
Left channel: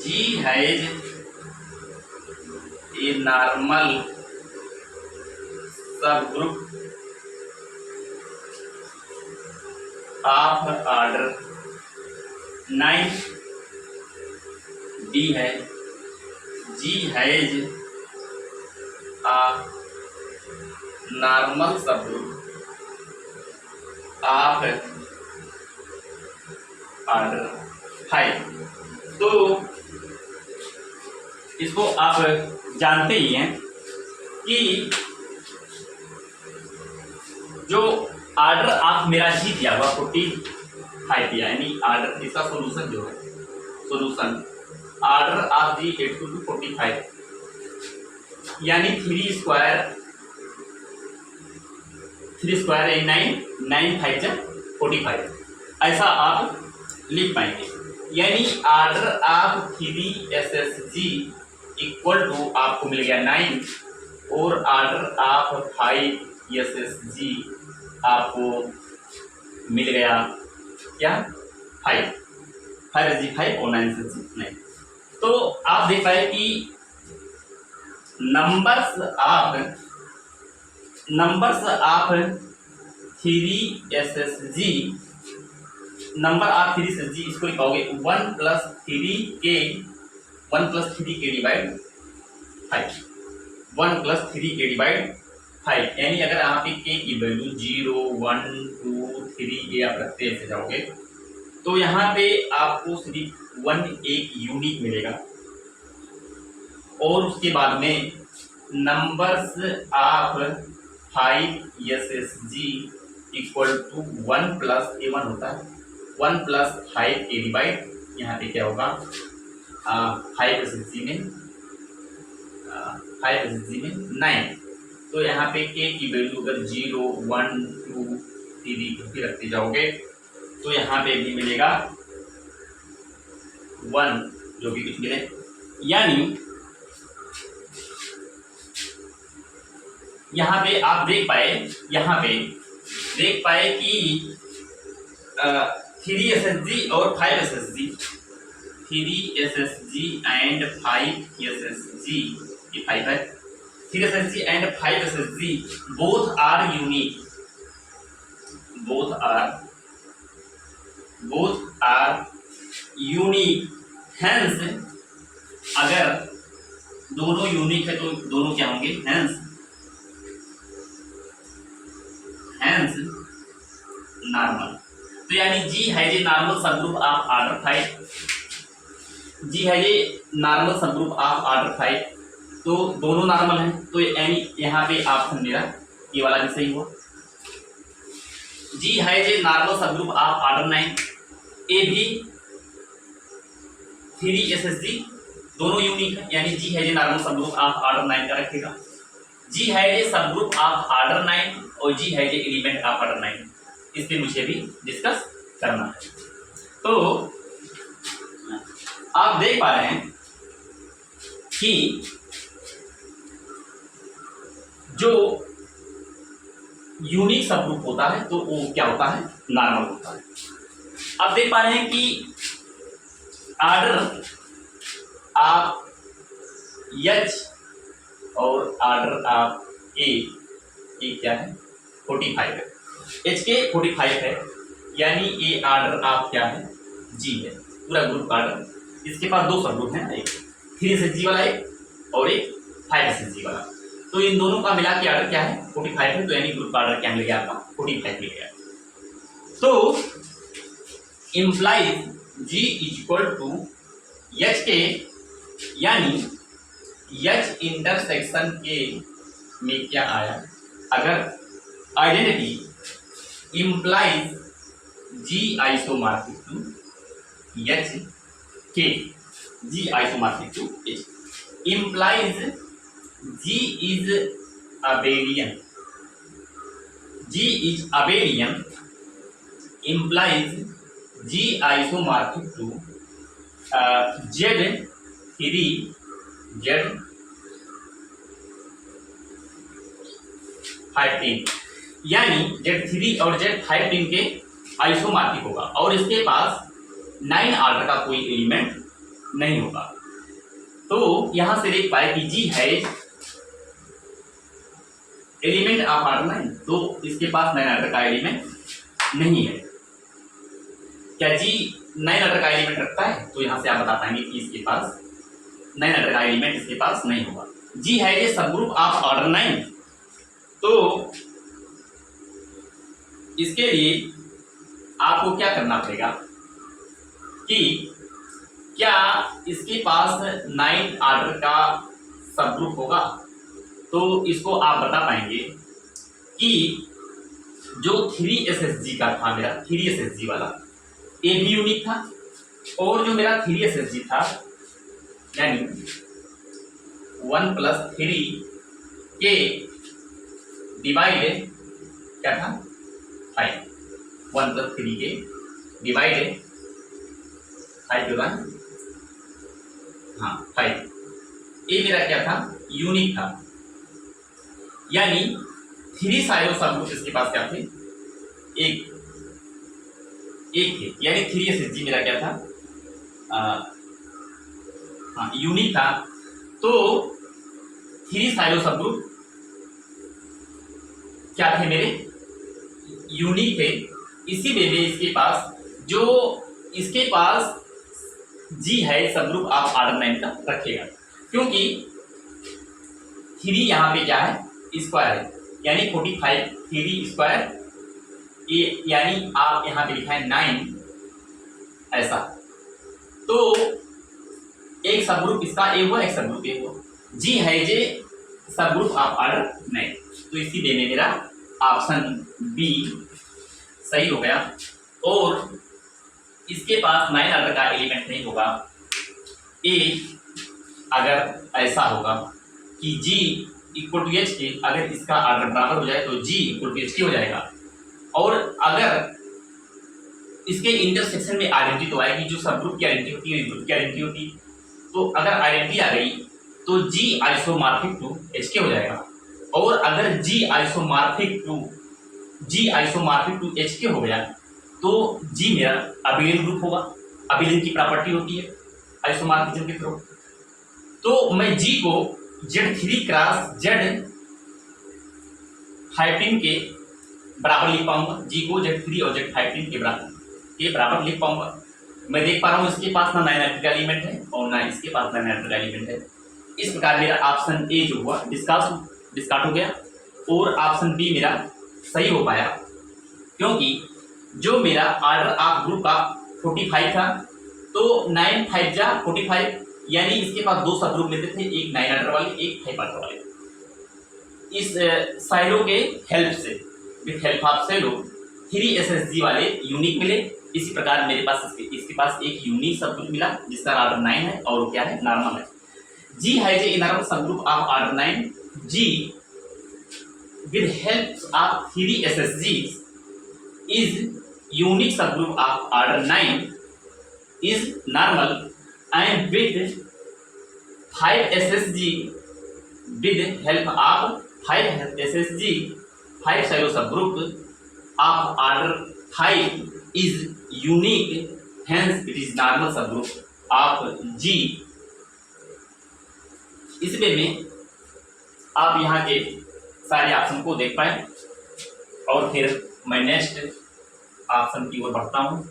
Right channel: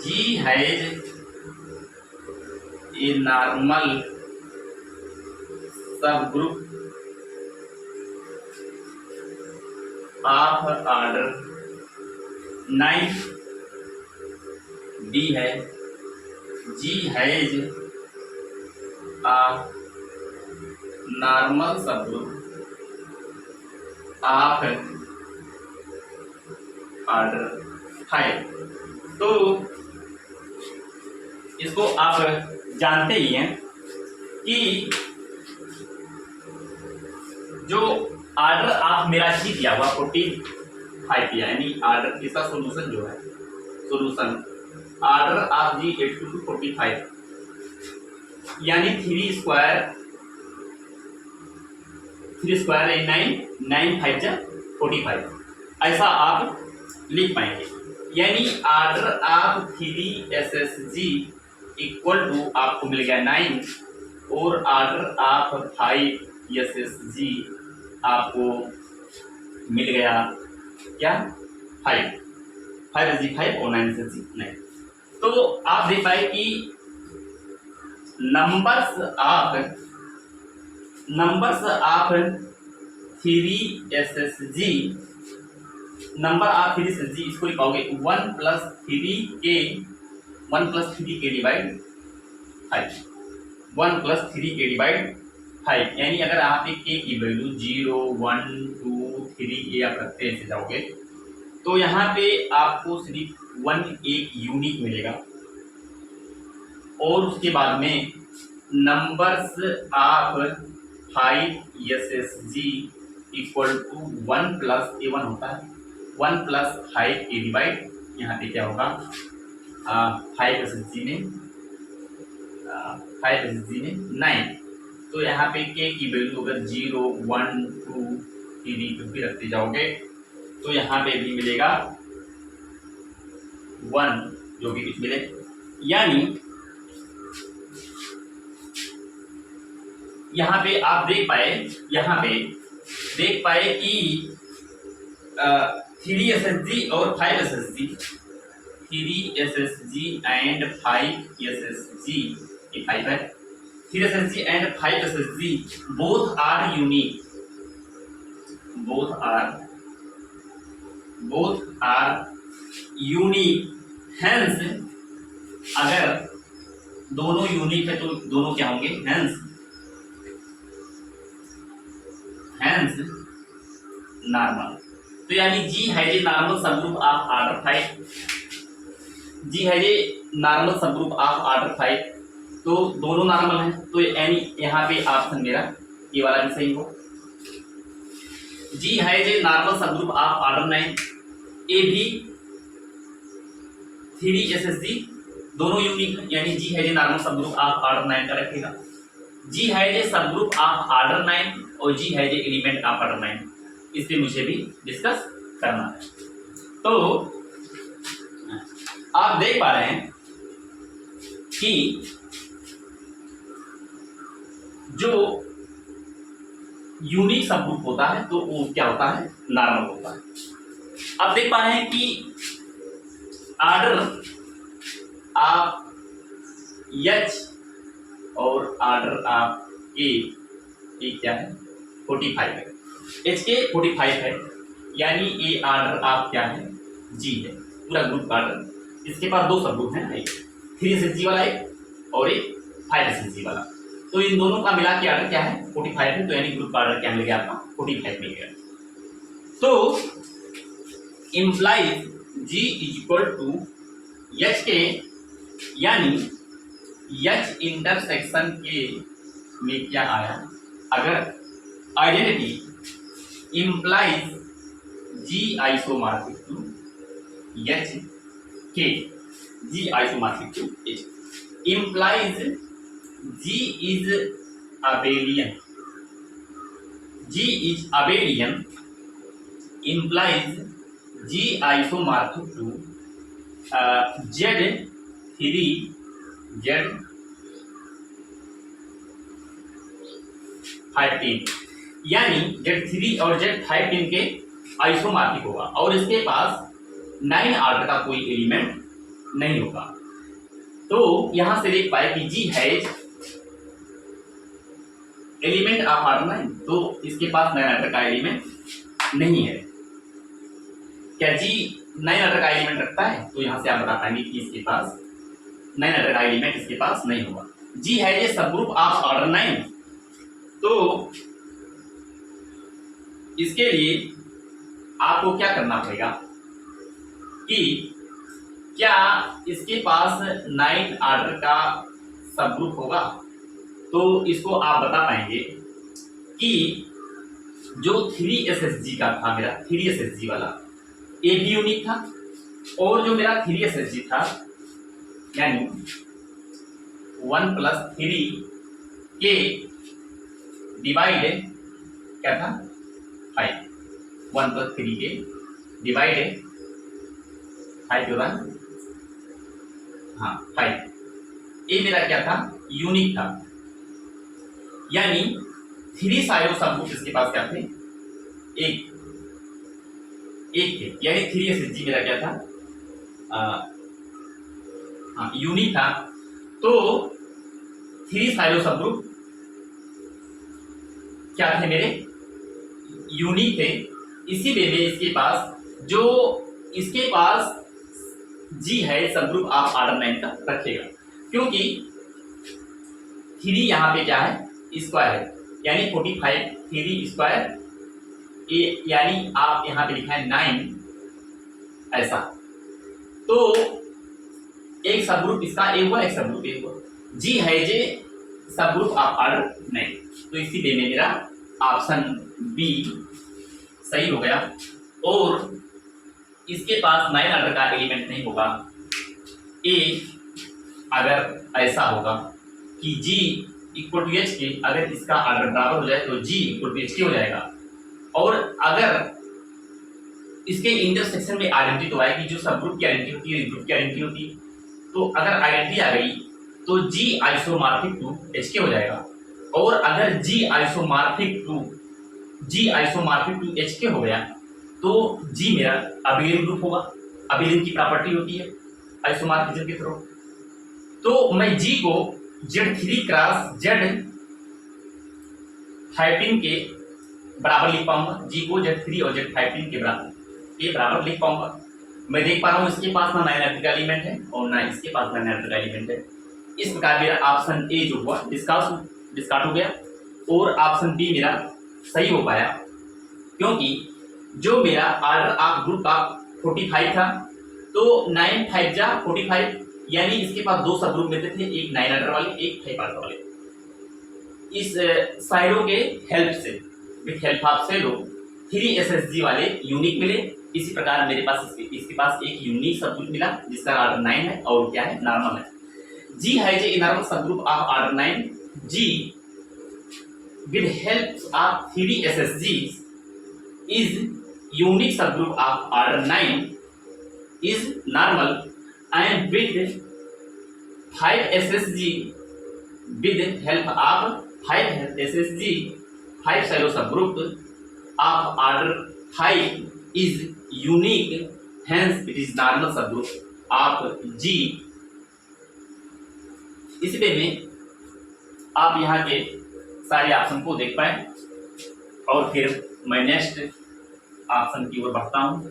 G has a normal subgroup of order 9, D है G has a normal subgroup of order 5। तो इसको आप जानते ही हैं कि जो ऑर्डर आप मेरा जी दिया हुआ 45 दिया, यानी ऑर्डर इसका सॉल्यूशन जो है, solution order of G 8 to 45, यानी 3 स्क्वायर 9, 9 5 जा 45, ऐसा आप लिख पाएंगे। यानी order of 3 SSG equal to आपको मिल गया 9 और ऑर्डर ऑफ 5 SSG आपको मिल गया क्या 5 SG 5 और 9 SSG 9। तो आप देख पाए कि numbers of 3 SSG, number of 3 SSG इसको लिखाओगे 1 + 3k डिवाइड 5, 1 + 3k डिवाइड 5, यानी अगर आप k की वैल्यू 0 1 2 3 ये आप रखते ऐसे जाओगे तो यहाँ पे आपको सिर्फ 1 एक यूनिक मिलेगा और उसके बाद में numbers of 5 SSG equal to 1 + A1 होता है, 1 + 5k डिवाइड यहाँ पे क्या होगा 5 SSG में 9। तो यहाँ पे k की वैल्यू अगर 0 1 2 3 कुछ भी रखते जाओगे तो यहाँ पे भी मिलेगा 1 जो भी कुछ मिले, यानी यहाँ पे आप देख पाए कि 3 SSG और 5 SSG, 3 SSG एंड 5 SSG, ये 5 है, 3 SSG and 5 SSG both are unique, hence अगर दोनों यूनिक है तो दोनों क्या होंगे, हेंस नॉर्मल। तो यानी जी है J normal subgroup of order 5, जी है J normal subgroup of order 5, तो दोनों नॉर्मल हैं, तो यानी यहाँ पे ऑप्शन मेरा ये वाला भी सही हो। जी है J normal subgroup of order 9, ए भी 3 SSG दोनों यूनिक है, यानी जी है जे नॉर्मल सब ग्रुप ऑफ ऑर्डर 9 का रखेगा, जी है जे सब ग्रुप ऑफ ऑर्डर 9 और जी है जे एलिमेंट ऑफ ऑर्डर 9, इसलिए मुझे भी डिस्कस करना है। तो आप देख पा रहे हैं कि जो यूनिक सब ग्रुप होता है तो वो क्या होता है, नॉर्मल होता है। अब देख पा रहे हैं कि ऑर्डर ऑफ एच और ऑर्डर ऑफ ए क्या है, 45 है, एच के 45 है, यानी ए ऑर्डर ऑफ क्या है, जी है, पूरा ग्रुप ऑर्डर। इसके पास दो सब ग्रुप है, एक 3SG वाला एक और एक 5SG वाला, तो इन दोनों का मिला के ऑर्डर क्या है, 45 है, तो यानी ग्रुप ऑर्डर क्या मिल गया आपका, 45 मिल गया। तो implies G equal to H K, यानी एच इंटरसेक्शन के में क्या आया, अगर identity implies G isomorphic to H K, G isomorphic to H, implies G is abelian, G is abelian implies G isomorphic to Z3 Z15, यानी Z3 और Z15 के आइसोमॉर्फिक होगा और इसके पास 9 ऑर्डर का कोई एलिमेंट नहीं होगा। तो यहां से देख पाए कि G है एलिमेंट ऑफ ऑर्डर 9, तो इसके पास 9 ऑर्डर का एलिमेंट नहीं है। क्या G 9 ऑर्डर का एलिमेंट रखता है, तो यहां से आप बता पाएंगे कि इसके पास 9 ऑर्डर का एलिमेंट इसके पास नहीं होगा। G है ये सब ग्रुप ऑफ ऑर्डर 9, तो इसके लिए आपको क्या करना पड़ेगा कि क्या इसके पास 9 ऑर्डर का सब ग्रुप होगा, तो इसको आप बता पाएंगे कि जो 3SSG का था मेरा, 3SSG वाला ए भी यूनिक था, और जो मेरा 3SSG था यानी 1 + 3 के डिवाइड क्या था 5, 1 + 3 के डिवाइड 5 होगा, हाँ 5, ये मेरा क्या था, यूनिक था, यानी 3 साइडों सब ग्रुप इसके पास क्या थे, एक थे, यानी 3SSG मेरा क्या था, हाँ यूनिक था। तो 3 साइडों सब ग्रुप क्या थे मेरे, यूनिक थे, इसीलिए में इसके पास जो इसके पास G है सब ग्रुप आप ऑर्डर 9 का रखेगा, क्योंकि 3 यहाँ पे क्या है, स्क्वायर है, यानी 45 3 स्क्वायर, यानी आप यहाँ पे लिखा है 9 ऐसा, तो एक सब ग्रुप इसका ए हुआ, एक सब ग्रुप ए हुआ, G है जे सब ग्रुप ऑफ ऑर्डर 9, तो इसीलिए में मेरा ऑप्शन बी सही हो गया। और इसके पास 9 ऑर्डर का एलिमेंट नहीं होगा, ए अगर ऐसा होगा कि G इक्वल टू एच के, अगर इसका ऑर्डर बराबर हो जाए तो G इक्वल टू एच के हो जाएगा, और अगर इसके इंटरसेक्शन में आइडेंटिटी तो आएगी, जो सब ग्रुप की आइडेंटिटी होती है ग्रुप की आइडेंटिटी होती है, तो अगर आइडेंटिटी आ गई तो G आइसोमॉर्फिक टू एच के हो जाएगा, और अगर G आइसोमॉर्फिक टू एच के हो गया तो G मेरा अबिलियन ग्रुप होगा, अबिलियन की प्रॉपर्टी होती है आइसोमॉर्फिज्म के थ्रू, तो मैं G को Z3 क्रॉस Z15 के बराबर लिख पाऊंगा, G को Z3 और Z15 के बराबर लिख पाऊंगा। मैं देख पा रहा हूँ इसके पास ना 9 ऑर्डर का एलिमेंट है और ना इसके पास 9 ऑर्डर का एलिमेंट है, इस प्रकार मेरा ऑप्शन ए जो हुआ डिस्कार्ड हो गया, और ऑप्शन बी मेरा सही हो पाया, क्योंकि जो मेरा ऑर्डर ऑफ ग्रुप का 45 था, तो 9 5 जा 45, यानी इसके पास दो सब ग्रुप मिलते थे, एक 9 ऑर्डर वाले एक 5 ऑर्डर वाले। इस साइडों के हेल्प से, विथ हेल्प ऑफ साइडो 3SSG वाले यूनिक मिले, इसी प्रकार मेरे पास इसके पास एक यूनिक सब ग्रुप मिला जिसका ऑर्डर 9 है और क्या है, नॉर्मल है। G has a normal subgroup of order 9. G with help of 3 SSGs is unique subgroup of order 9 is normal, and with 5 SSG with help of 5 SSG 5 shallow subgroup of order 5 is unique, hence it is normal subgroup of G. इस वे में आप यहाँ के सारे ऑप्शन को देख पाए और फिर मैं नेक्स्ट ऑप्शन की ओर बढ़ता हूँ।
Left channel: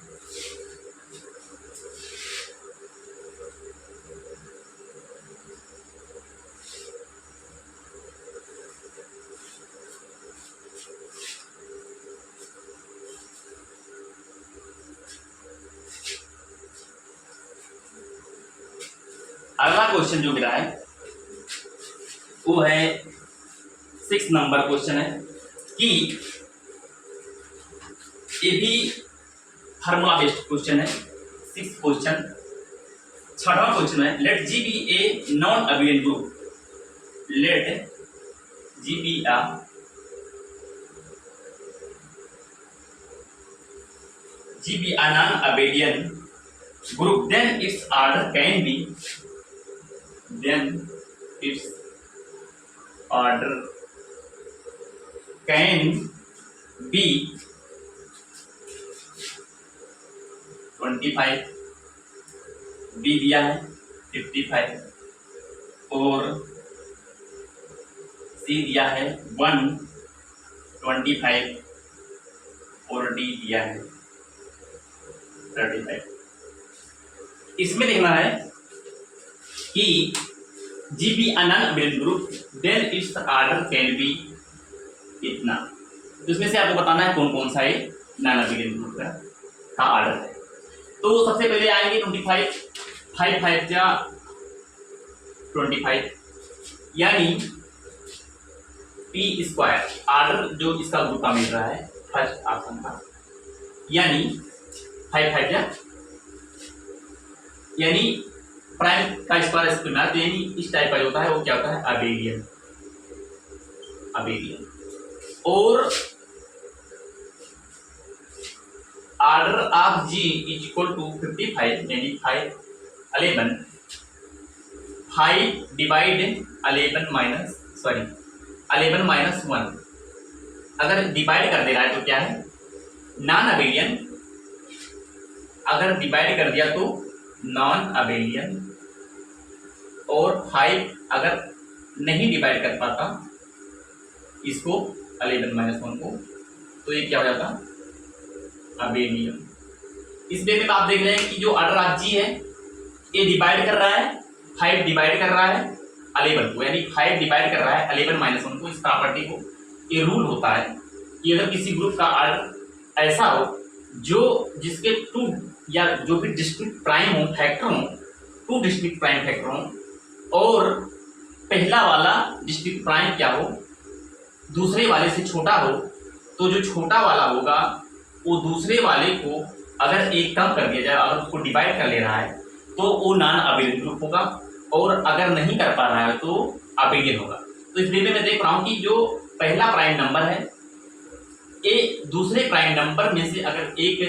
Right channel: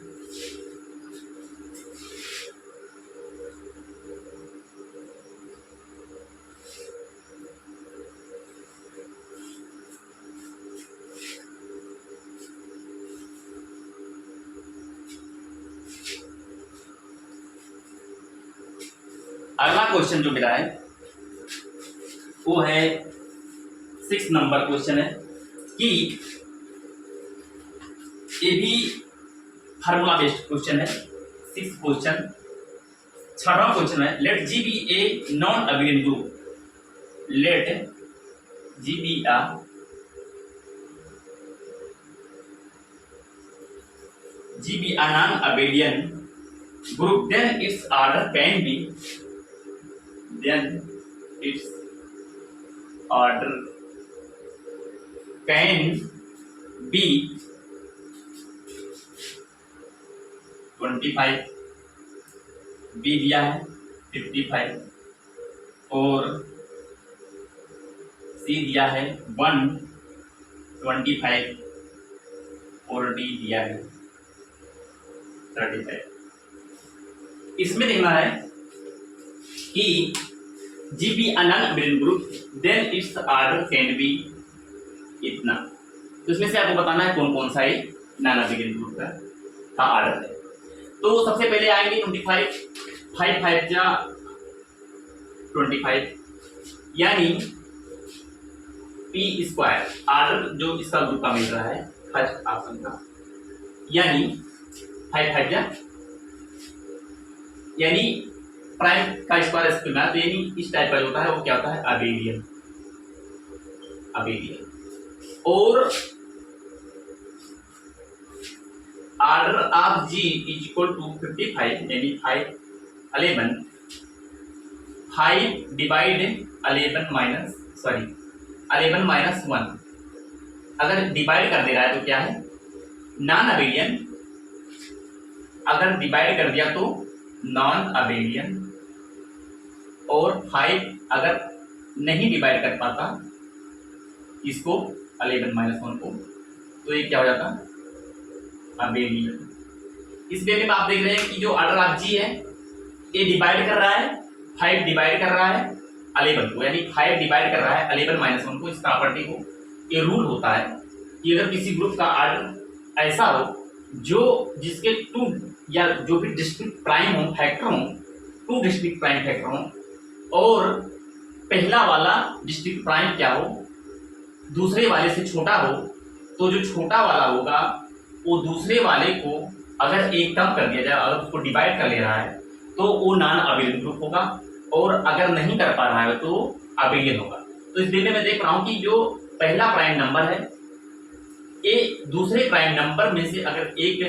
अगला क्वेश्चन जो मिला है वो है 6 नंबर क्वेश्चन है कि ये भी फार्मूला बेस्ड क्वेश्चन है। 6 क्वेश्चन, 6वां क्वेश्चन है let G B a non abelian group, let G be a non-abelian group, then its order can be, then its order can be 25, B दिया है 55 और सी दिया है 125 और डी दिया है 35। इसमें देखना है कि G be nonabelian group then its order can be इतना। तो इसमें से आपको बताना है कौन कौन सा ये नॉन अबेलियन ग्रुप का ऑर्डर है। तो सबसे पहले आएंगे 25, 5 5 जा 25 यानी पी स्क्वायर ऑर्डर जो इसका ग्रुप का मिल रहा है फर्स्ट ऑप्शन का, यानी 5 5 जा यानी प्राइम का स्क्वायर स्क्वायर, तो यानी इस टाइप का होता है वो क्या होता है अबेलियन। और order of G is equal to 55 यानी 11 5 डिवाइड 11 माइनस 1। अगर डिवाइड कर दे रहा है तो क्या है नॉन अबेलियन, अगर डिवाइड कर दिया तो नॉन अबेलियन, और 5 अगर नहीं डिवाइड कर पाता इसको 11 माइनस 1 को, तो ये क्या हो जाता अबेलियन। इस वे में आप देख रहे हैं कि जो ऑर्डर ऑफ जी है ये डिवाइड कर रहा है 5 डिवाइड कर रहा है 11 को, यानी 5 डिवाइड कर रहा है 11 माइनस 1 को। इस प्रॉपर्टी को ये रूल होता है कि अगर किसी ग्रुप का ऑर्डर ऐसा हो जो जिसके 2 या जो भी डिस्ट्रिक्ट प्राइम हो फैक्टर हो, 2 डिस्ट्रिक्ट प्राइम फैक्टर हो और पहला वाला डिस्ट्रिक्ट प्राइम क्या हो दूसरे वाले से छोटा हो, तो जो छोटा वाला होगा वो दूसरे वाले को अगर एक कम कर दिया जाए, अगर उसको डिवाइड कर ले रहा है तो वो नॉन अबेलियन ग्रुप होगा, और अगर नहीं कर पा रहा है तो अबेलियन होगा। तो इस वीडियो में देख रहा हूँ कि जो पहला प्राइम नंबर है ये दूसरे प्राइम नंबर में से अगर एक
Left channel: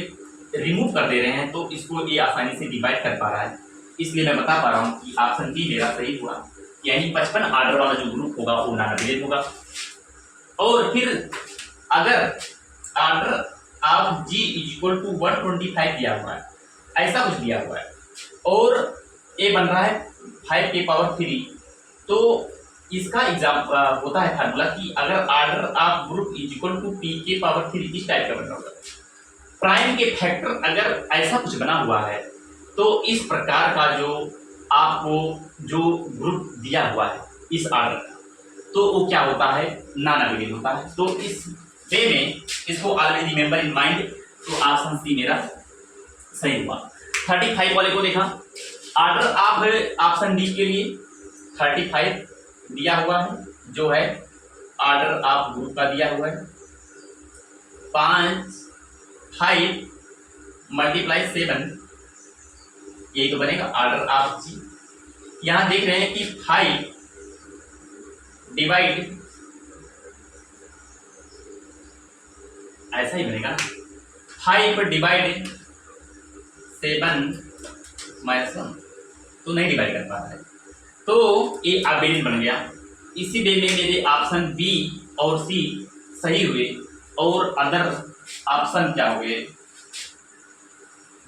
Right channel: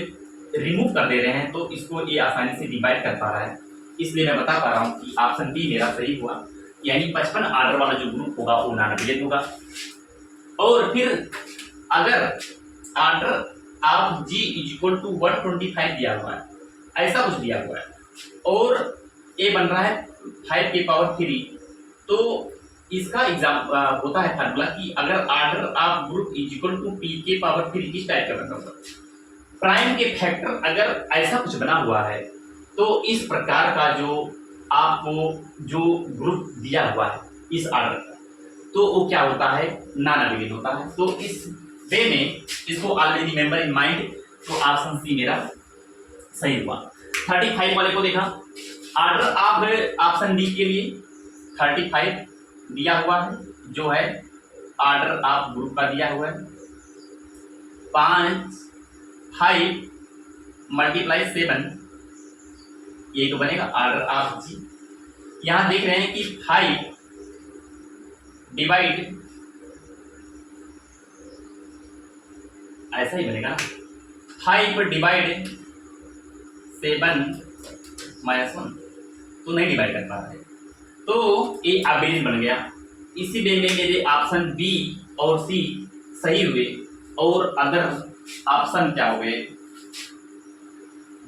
रिमूव कर दे रहे हैं तो इसको ये आसानी से डिवाइड कर पा रहा है, इसलिए मैं बता पा रहा हूँ कि ऑप्शन डी मेरा सही हुआ, यानी 55 ऑर्डर वाला जो ग्रुप होगा वो नॉन अबेलियन होगा। और फिर अगर order of G is equal to 125 दिया हुआ है, ऐसा कुछ दिया हुआ है और ए बन रहा है 5 के पावर 3, तो इसका एग्जाम होता है फार्मूला कि अगर order of group is equal to P के पावर 3 इस टाइप का बना होगा। प्राइम के फैक्टर अगर ऐसा कुछ बना हुआ है तो इस प्रकार का जो आपको जो ग्रुप दिया हुआ है इस ऑर्डर का, तो वो क्या होता है नॉन अबेलियन होता है। तो इस वे में इसको ऑलरेडी रिमेंबर इन माइंड, तो ऑप्शन सी मेरा सही हुआ। 35 वाले को देखा, ऑर्डर ऑफ ऑप्शन डी के लिए 35 दिया हुआ है जो है ऑर्डर ऑफ ग्रुप का दिया हुआ है 5 5 मल्टीप्लाई 7, यही तो बनेगा ऑर्डर ऑफ जी। यहां देख रहे हैं कि 5 डिवाइड, ऐसा ही बनेगा ना, 5 डिवाइड 7 माइनस 1, तो नहीं डिवाइड कर पा रहा है, तो ये अबेलियन बन गया। इसी वे में मेरे ऑप्शन बी और सी सही हुए और अदर ऑप्शन क्या हो गए,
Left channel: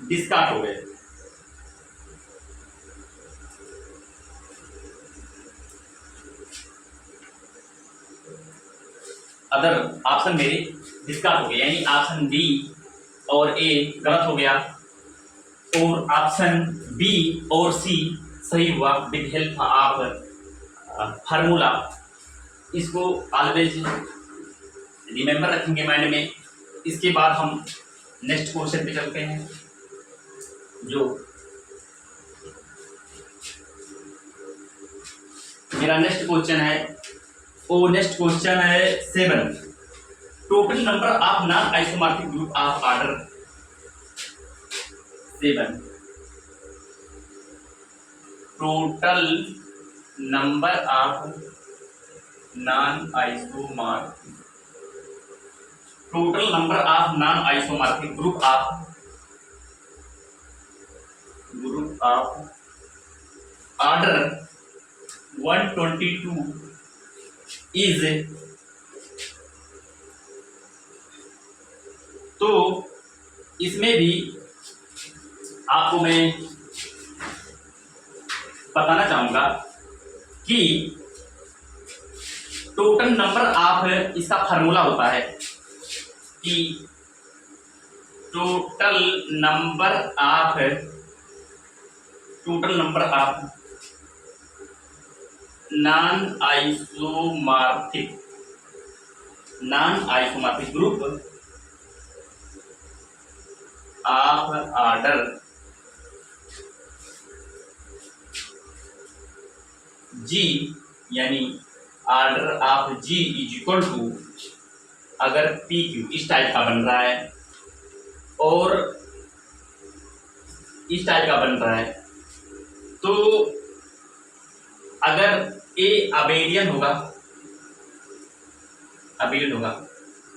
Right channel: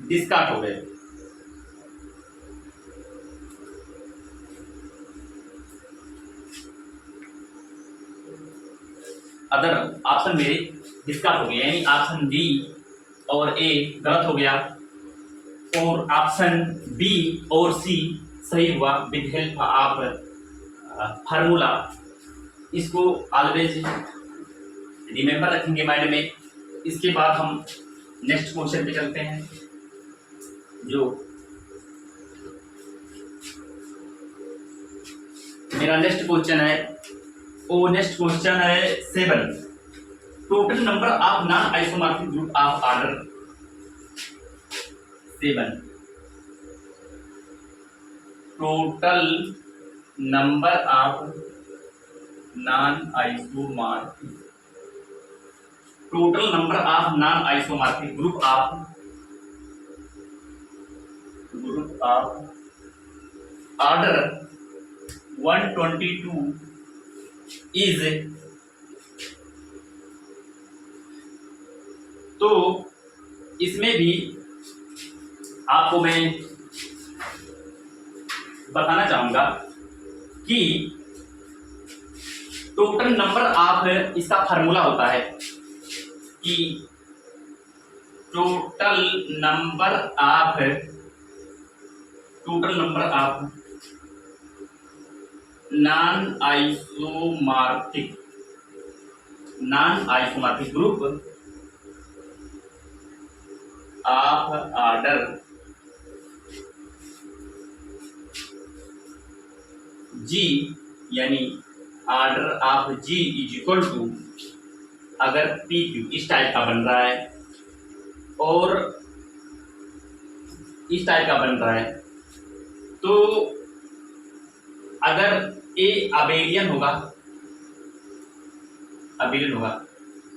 डिस्कार्ड हो गए। अदर ऑप्शन मेरे डिस्कार्ड हो गए, यानी ऑप्शन डी और ए गलत हो गया और ऑप्शन बी और सी सही हुआ विद हेल्प ऑफ फार्मूला। इसको ऑलवेज रिमेंबर रखेंगे माइंड में। इसके बाद हम नेक्स्ट क्वेश्चन पे चलते हैं, जो मेरा नेक्स्ट क्वेश्चन है, वो नेक्स्ट क्वेश्चन है 7। Total number of non isomorphic group of order 7। Total number of non isomorphic, total number of non isomorphic group of order 122 is, तो इसमें भी आपको मैं बताना चाहूंगा कि टोटल नंबर ऑफ, इसका फार्मूला होता है कि total number of non isomorphic group of order G, यानी order of G is equal to, अगर पी क्यू इस टाइप का बन रहा है और इस टाइप का बन रहा है, तो अगर ए अबेलियन होगा,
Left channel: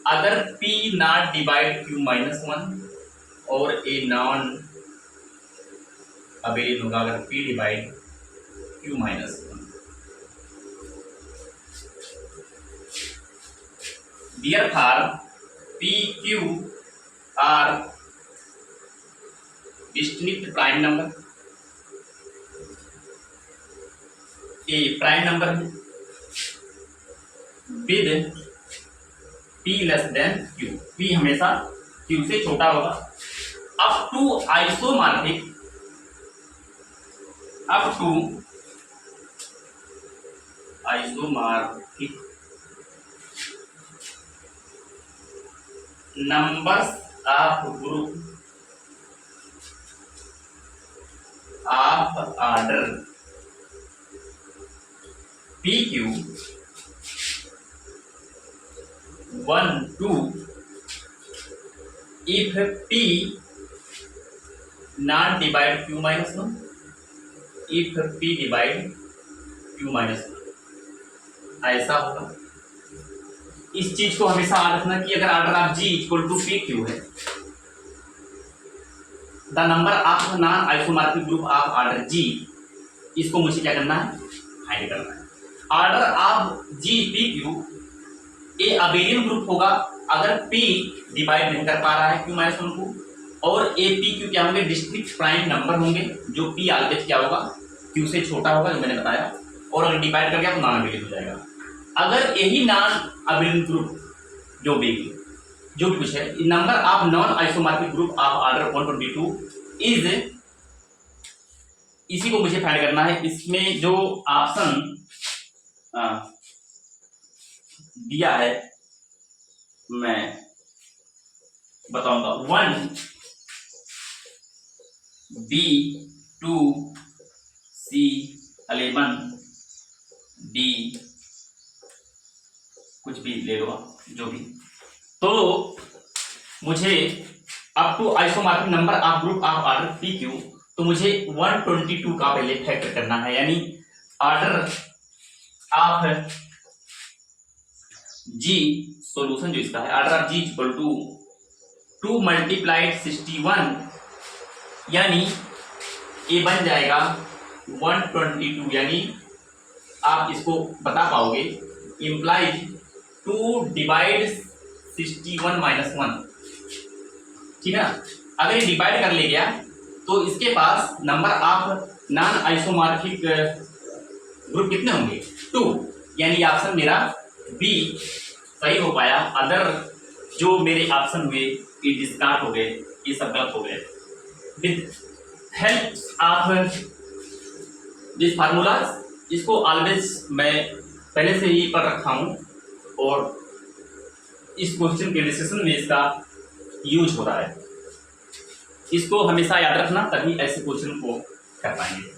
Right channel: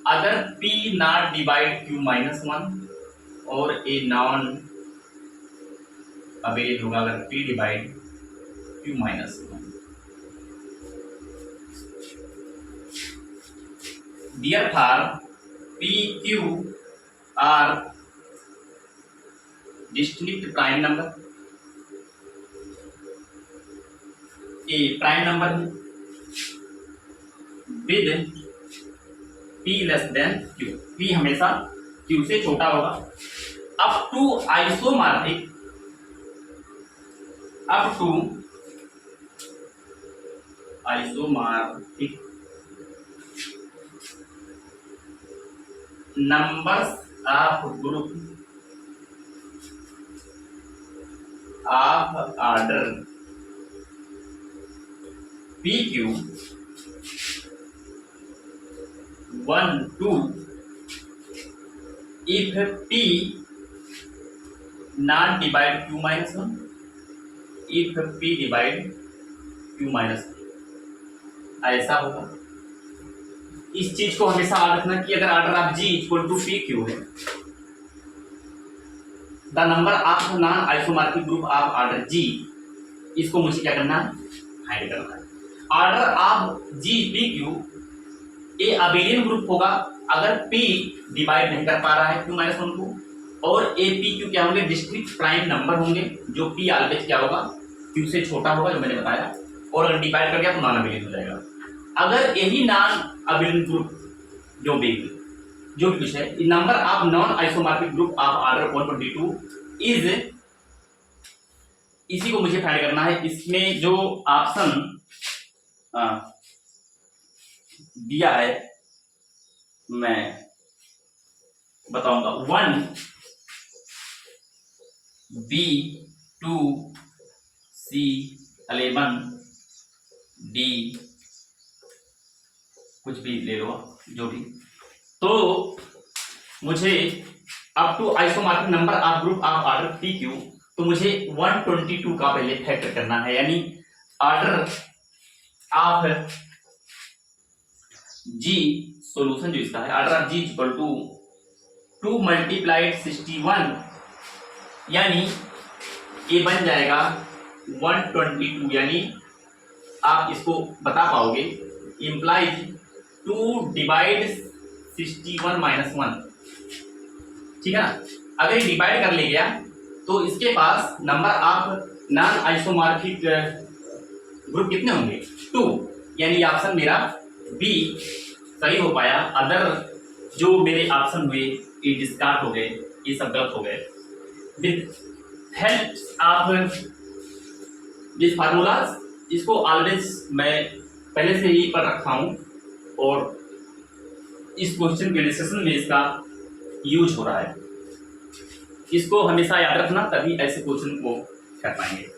अगर P not divide Q minus 1 और ए नॉन अबेलियन होगा अगर P divide Q minus 1। Therefore, P, Q are distinct prime number। A prime number है with P less than Q, P हमेशा Q से छोटा होगा। up to isomorphic numbers of group of order PQ 1 2 if P not divide Q minus 1, if P divide Q minus 1, ऐसा होगा। इस चीज को हमेशा याद रखना कि अगर order of G equal to p q है, the number of non isomorphic group of order G, इसको मुझे क्या करना है, फाइंड करना है। Order of G p q a abelian group होगा अगर पी डिवाइड नहीं कर पा रहा है क्यू माइनस 1 को, और ए पी क्यू क्या होंगे, डिस्ट्रिक्ट प्राइम नंबर होंगे, जो पी ऑलवेज क्या होगा, क्यू से छोटा होगा, जो मैंने बताया, और अगर डिवाइड कर गया तो नॉन अबेलियन हो जाएगा। अगर यही नॉन अबेलियन ग्रुप जो भी कुछ है, number of non isomorphic group of order 122 is, इसी को मुझे फाइंड करना है। इसमें जो ऑप्शन दिया है मैं बताऊंगा, 1 बी 2 सी 11 डी, कुछ भी ले लो जो भी। तो मुझे up to isomorphic number of group of order P Q तो मुझे 122 का पहले फैक्टर करना है, यानी ऑर्डर ऑफ जी, सॉल्यूशन जो इसका है, order of G equal to 2 multiplied 61, यानी ये बन जाएगा 122, यानी आप इसको बता पाओगे इम्प्लाइज 2 डिवाइड 61 माइनस 1, ठीक है ना। अगर डिवाइड कर ले गया तो इसके पास number of non isomorphic group कितने होंगे, 2, यानी ऑप्शन मेरा बी सही हो पाया। अदर जो मेरे ऑप्शन हुए ये डिस्कार्ड हो गए, ये सब गलत हो गए। With help of this formulas, इसको ऑलवेज मैं पहले से ही पढ़ रखा हूँ और इस क्वेश्चन के डिस्कशन में इसका यूज हो रहा है। इसको हमेशा याद रखना, तभी ऐसे क्वेश्चन को कर पाएंगे।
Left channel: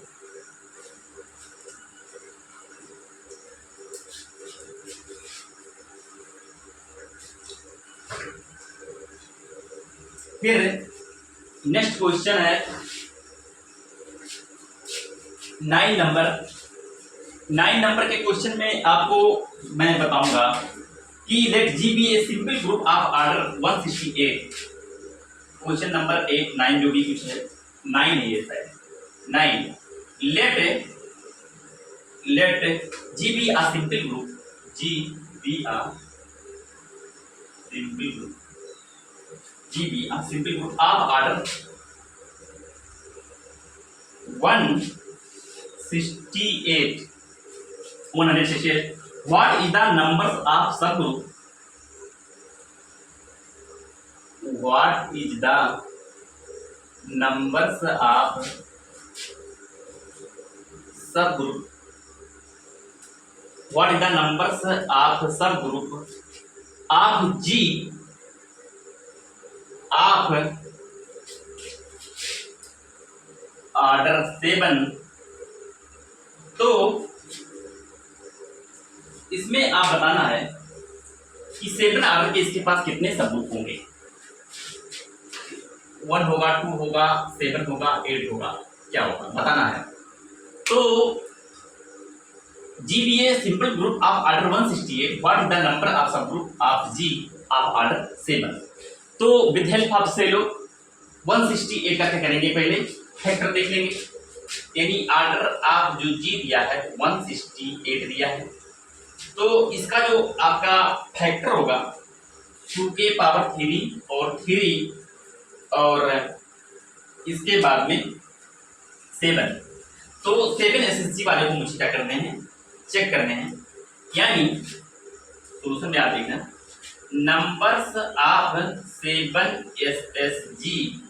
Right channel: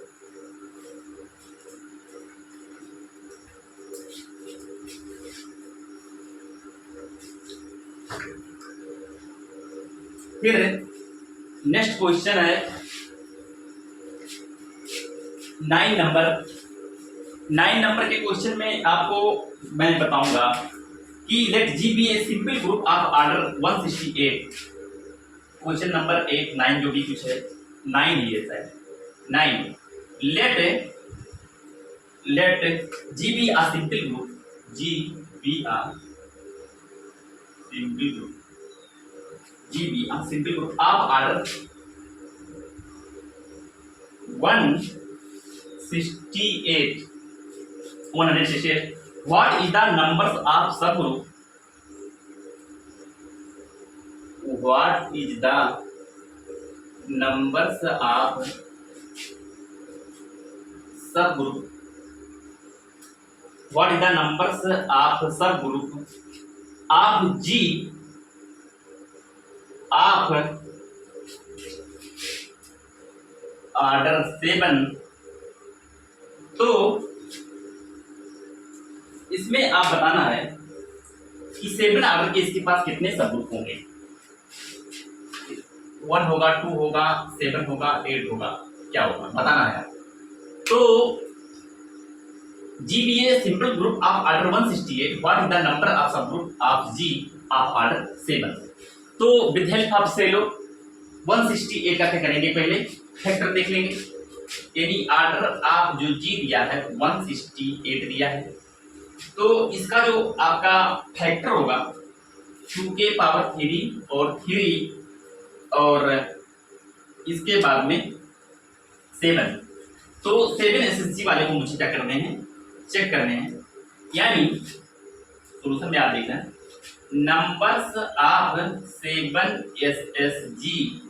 फिर नेक्स्ट क्वेश्चन है 9 नंबर के क्वेश्चन में आपको मैं बताऊंगा कि let G B a simple group of order 168। Question number 8 9 जो भी कुछ है 9 ही है शायद 9। Let G B a simple group, G B a simple group, G B a simple group of order 168 what is the numbers of subgroup, what is the numbers of subgroup, what is the numbers of subgroup of G of order 7। तो इसमें आप बताना है कि 7 ऑर्डर के इसके पास कितने सबग्रुप होंगे, 1 होगा, 2 होगा, 7 होगा, 8 होगा, क्या होगा बताना है। तो GBA simple group of order 168, what is the number of subgroup of G of order 7। तो विद हेल्प ऑफ सेलो 168 का क्या करेंगे, पहले फैक्टर देख लेंगे, यानी ऑर्डर आप जो जी दिया है 168 दिया है, तो इसका जो आपका फैक्टर होगा 2 के पावर 3 और 3 और इसके बाद में 7। तो 7 एसएसजी वाले को मुझे क्या करने हैं, चेक करने हैं, यानी सोल्यूशन में आप देखना numbers of 7 SSG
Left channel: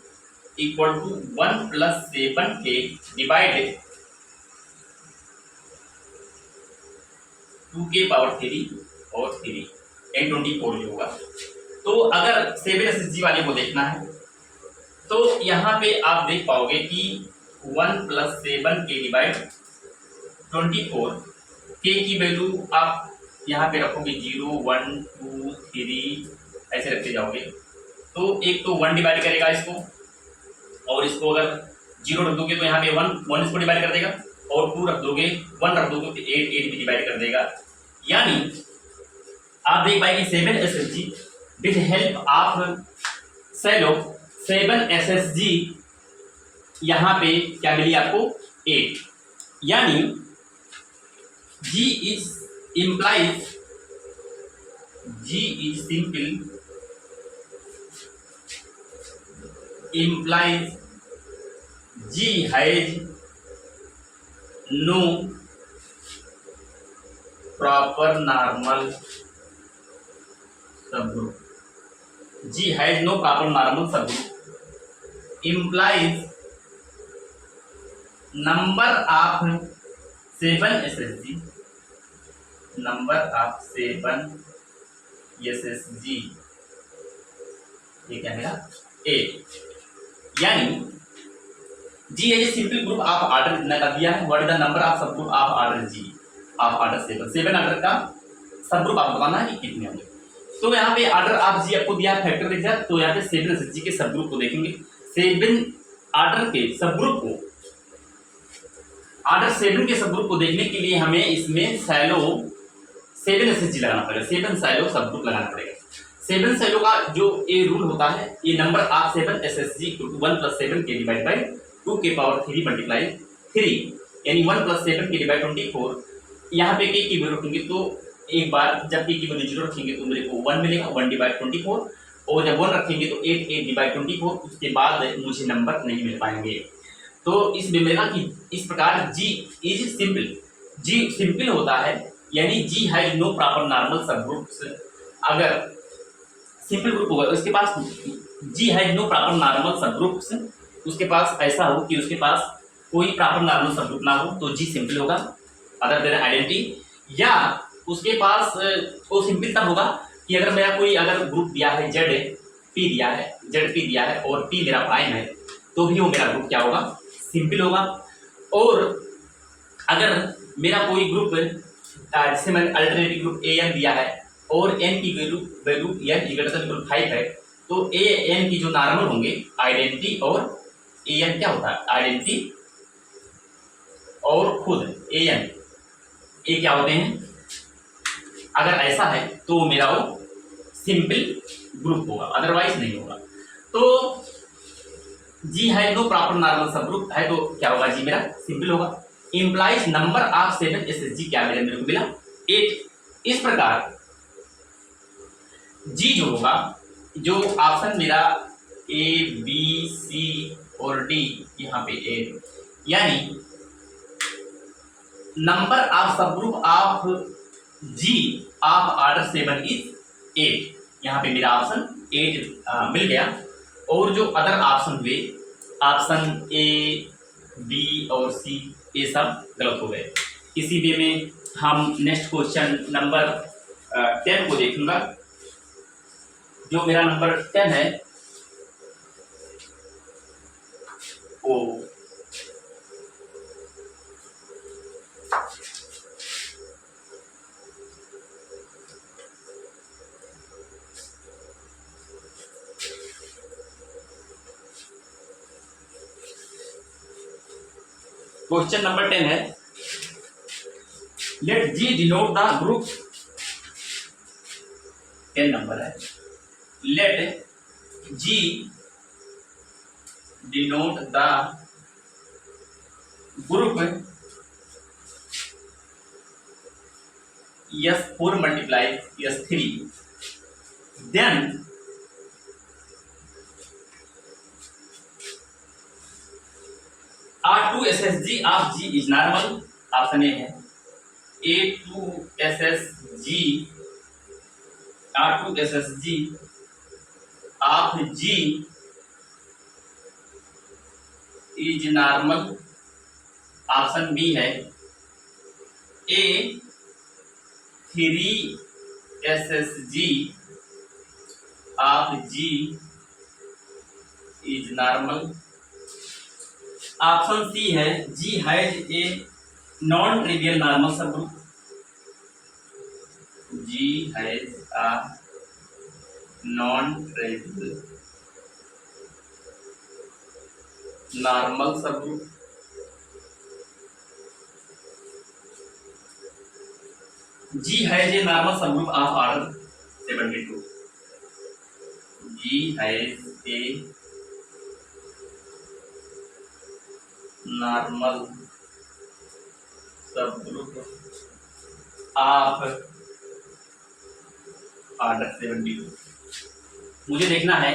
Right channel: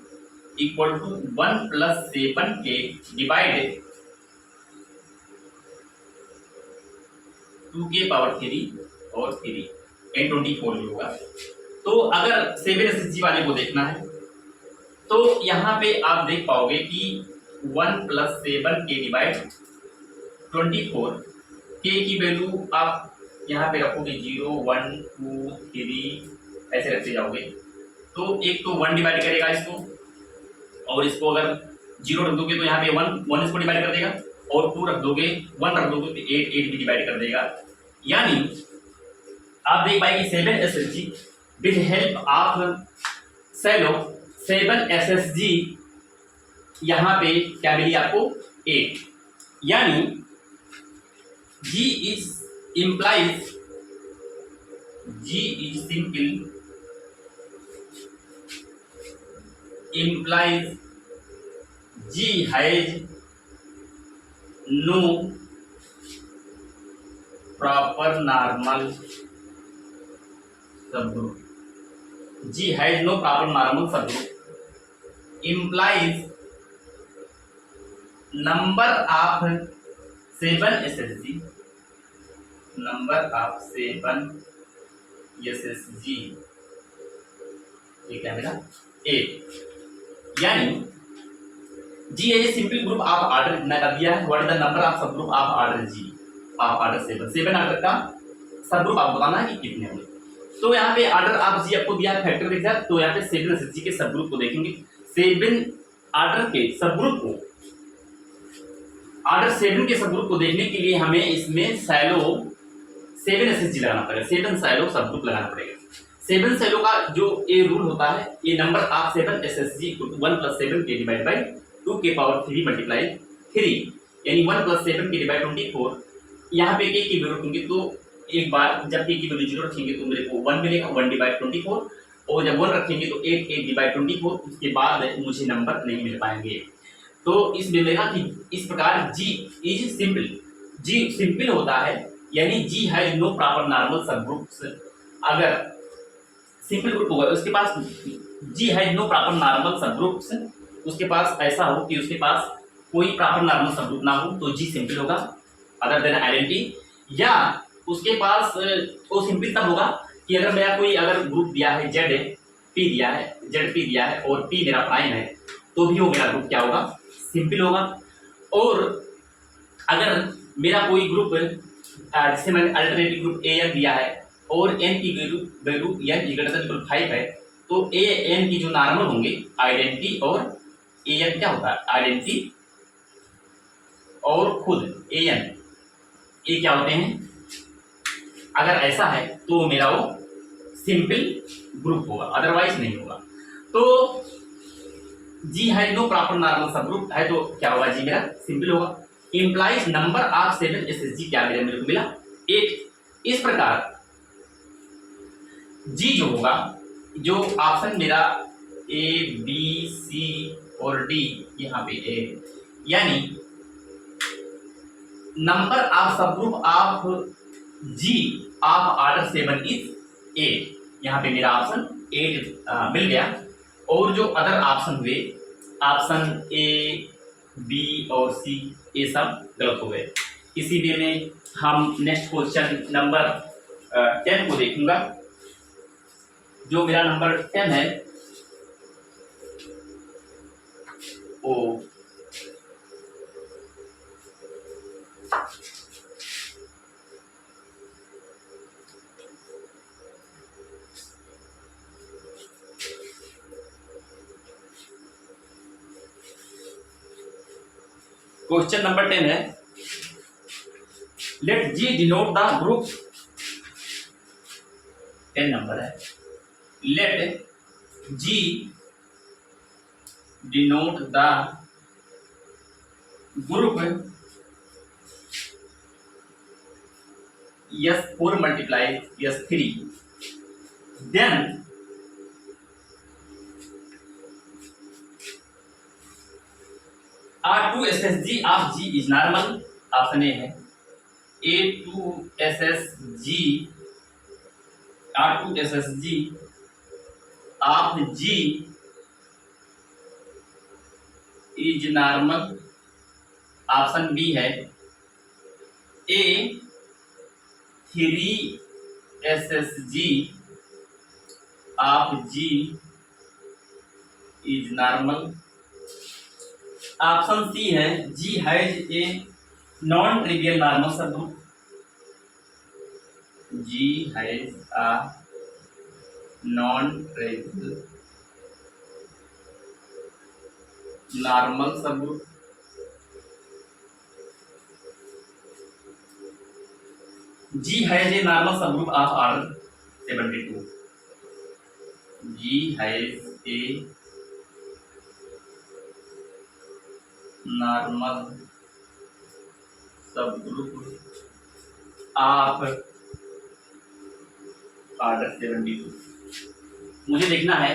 equal to 1 plus 7 k divided 2 के पावर 3 और 3 एन 24 जो होगा। तो अगर 7 एसएसजी वाले को देखना है तो यहाँ पे आप देख पाओगे कि 1 प्लस 7 के डिवाइड 24, के की वैल्यू आप यहाँ पे रखोगे 0 1 2 3 ऐसे रखते जाओगे। तो एक तो 1 डिवाइड करेगा इसको, और इसको अगर 0 रख दोगे तो यहाँ पे 1 इसको डिवाइड कर देगा, और 2 रख दोगे 1 रख दोगे तो 8 भी डिवाइड कर देगा। यानी आप देख पाएंगे 7 SSG with help of Sylow 7 SSG यहाँ पे क्या मिली आपको 8, यानी G is implies G is simple implies G has no proper normal subgroup. G has no proper normal subgroup implies number of 7 SSG, number of 7 SSG ये क्या मेरा 8, यानी G है सिंपल ग्रुप ऑफ ऑर्डर इतना कर दिया है। What is the number of sub group of order G of order 7 order का सब ग्रुप आपको बताना है कि कितने होंगे। तो यहाँ पे ऑर्डर ऑफ G आपको दिया है फैक्टर के साथ, तो यहाँ पे 7 SSG के सब ग्रुप को देखेंगे। 7 आर्डर के सब ग्रुप को, आर्डर 7 के सब ग्रुप को देखने के लिए हमें इसमें सैलो 7 एसएसजी लगाना पड़ेगा, 7 सैलो सब ग्रुप लगाना पड़ेगा। 7 सैलो का जो ए रूल होता है, ये नंबर ऑफ 7 एसएसजी 1 + 7 के डिवाइड बाई 2 के पावर 3 मल्टीप्लाई 3, यानी 1 + 7 के डिवाइड 24। यहाँ पे के की वैल्यू रखेंगे तो एक बार जब के की वैल्यू 0 रखेंगे तो मेरे को 1 मिलेगा, 1 डिवाइड 24, और जब 1 रखेंगे तो 8 डिवाइड 24, उसके बाद मुझे नंबर नहीं मिल पाएंगे। तो इस मिलेगा कि इस प्रकार G is simple, G simple होता है, यानी G has no proper normal subgroups. अगर सिंपल ग्रुप होगा उसके पास G has no proper normal subgroups, उसके पास ऐसा हो कि उसके पास कोई प्रॉपर नॉर्मल सब ग्रुप ना हो तो G सिंपल होगा अदर देन आइडेंटिटी। या उसके पास वो सिंपल तब होगा कि अगर मेरा कोई अगर ग्रुप दिया है Z P दिया है, ZP दिया है और P मेरा प्राइम है, तो भी वो मेरा ग्रुप क्या होगा, सिंपल होगा। और अगर मेरा कोई ग्रुप जैसे मैंने अल्टरनेटिव ग्रुप AN दिया है और N की वैल्यू N 5 है, तो AN की जो नॉर्मल होंगे आइडेंटिटी और AN क्या होता है, आइडेंटिटी और खुद AN ये क्या होते हैं। अगर ऐसा है तो मेरा वो सिंपल ग्रुप होगा, अदरवाइज नहीं होगा। तो G है नो प्रॉपर नॉर्मल सब ग्रुप है तो क्या होगा, G मेरा सिंपल होगा। इंप्लाइज नंबर ऑफ 7 एसएसजी क्या मेरे को मिला, 8। इस प्रकार G जो होगा, जो ऑप्शन मेरा A B C और D यहाँ पे A, यानी number of sub group of G of order 7 is 8। यहाँ पे मेरा ऑप्शन 8 मिल गया। और जो अदर ऑप्शन हुए, ऑप्शन A B और C, ये सब गलत हो गए। इसी वे में हम नेक्स्ट क्वेश्चन नंबर 10 को देखूंगा। जो मेरा नंबर 10 है ओ क्वेश्चन नंबर 10 है, let G denote the group, 10 number है, let G denote the group S4 multiply S3, then R2 SSG of G is normal। Option A है A2 SSG R2 SSG of G is normal। Option B है A3 SSG of G is normal। Option C है G has a non trivial normal सब group, G has a non trivial normal सब group. G has a normal सब group of order 72। G has a normal सब ग्रुप ऑफ ऑर्डर 72। मुझे देखना है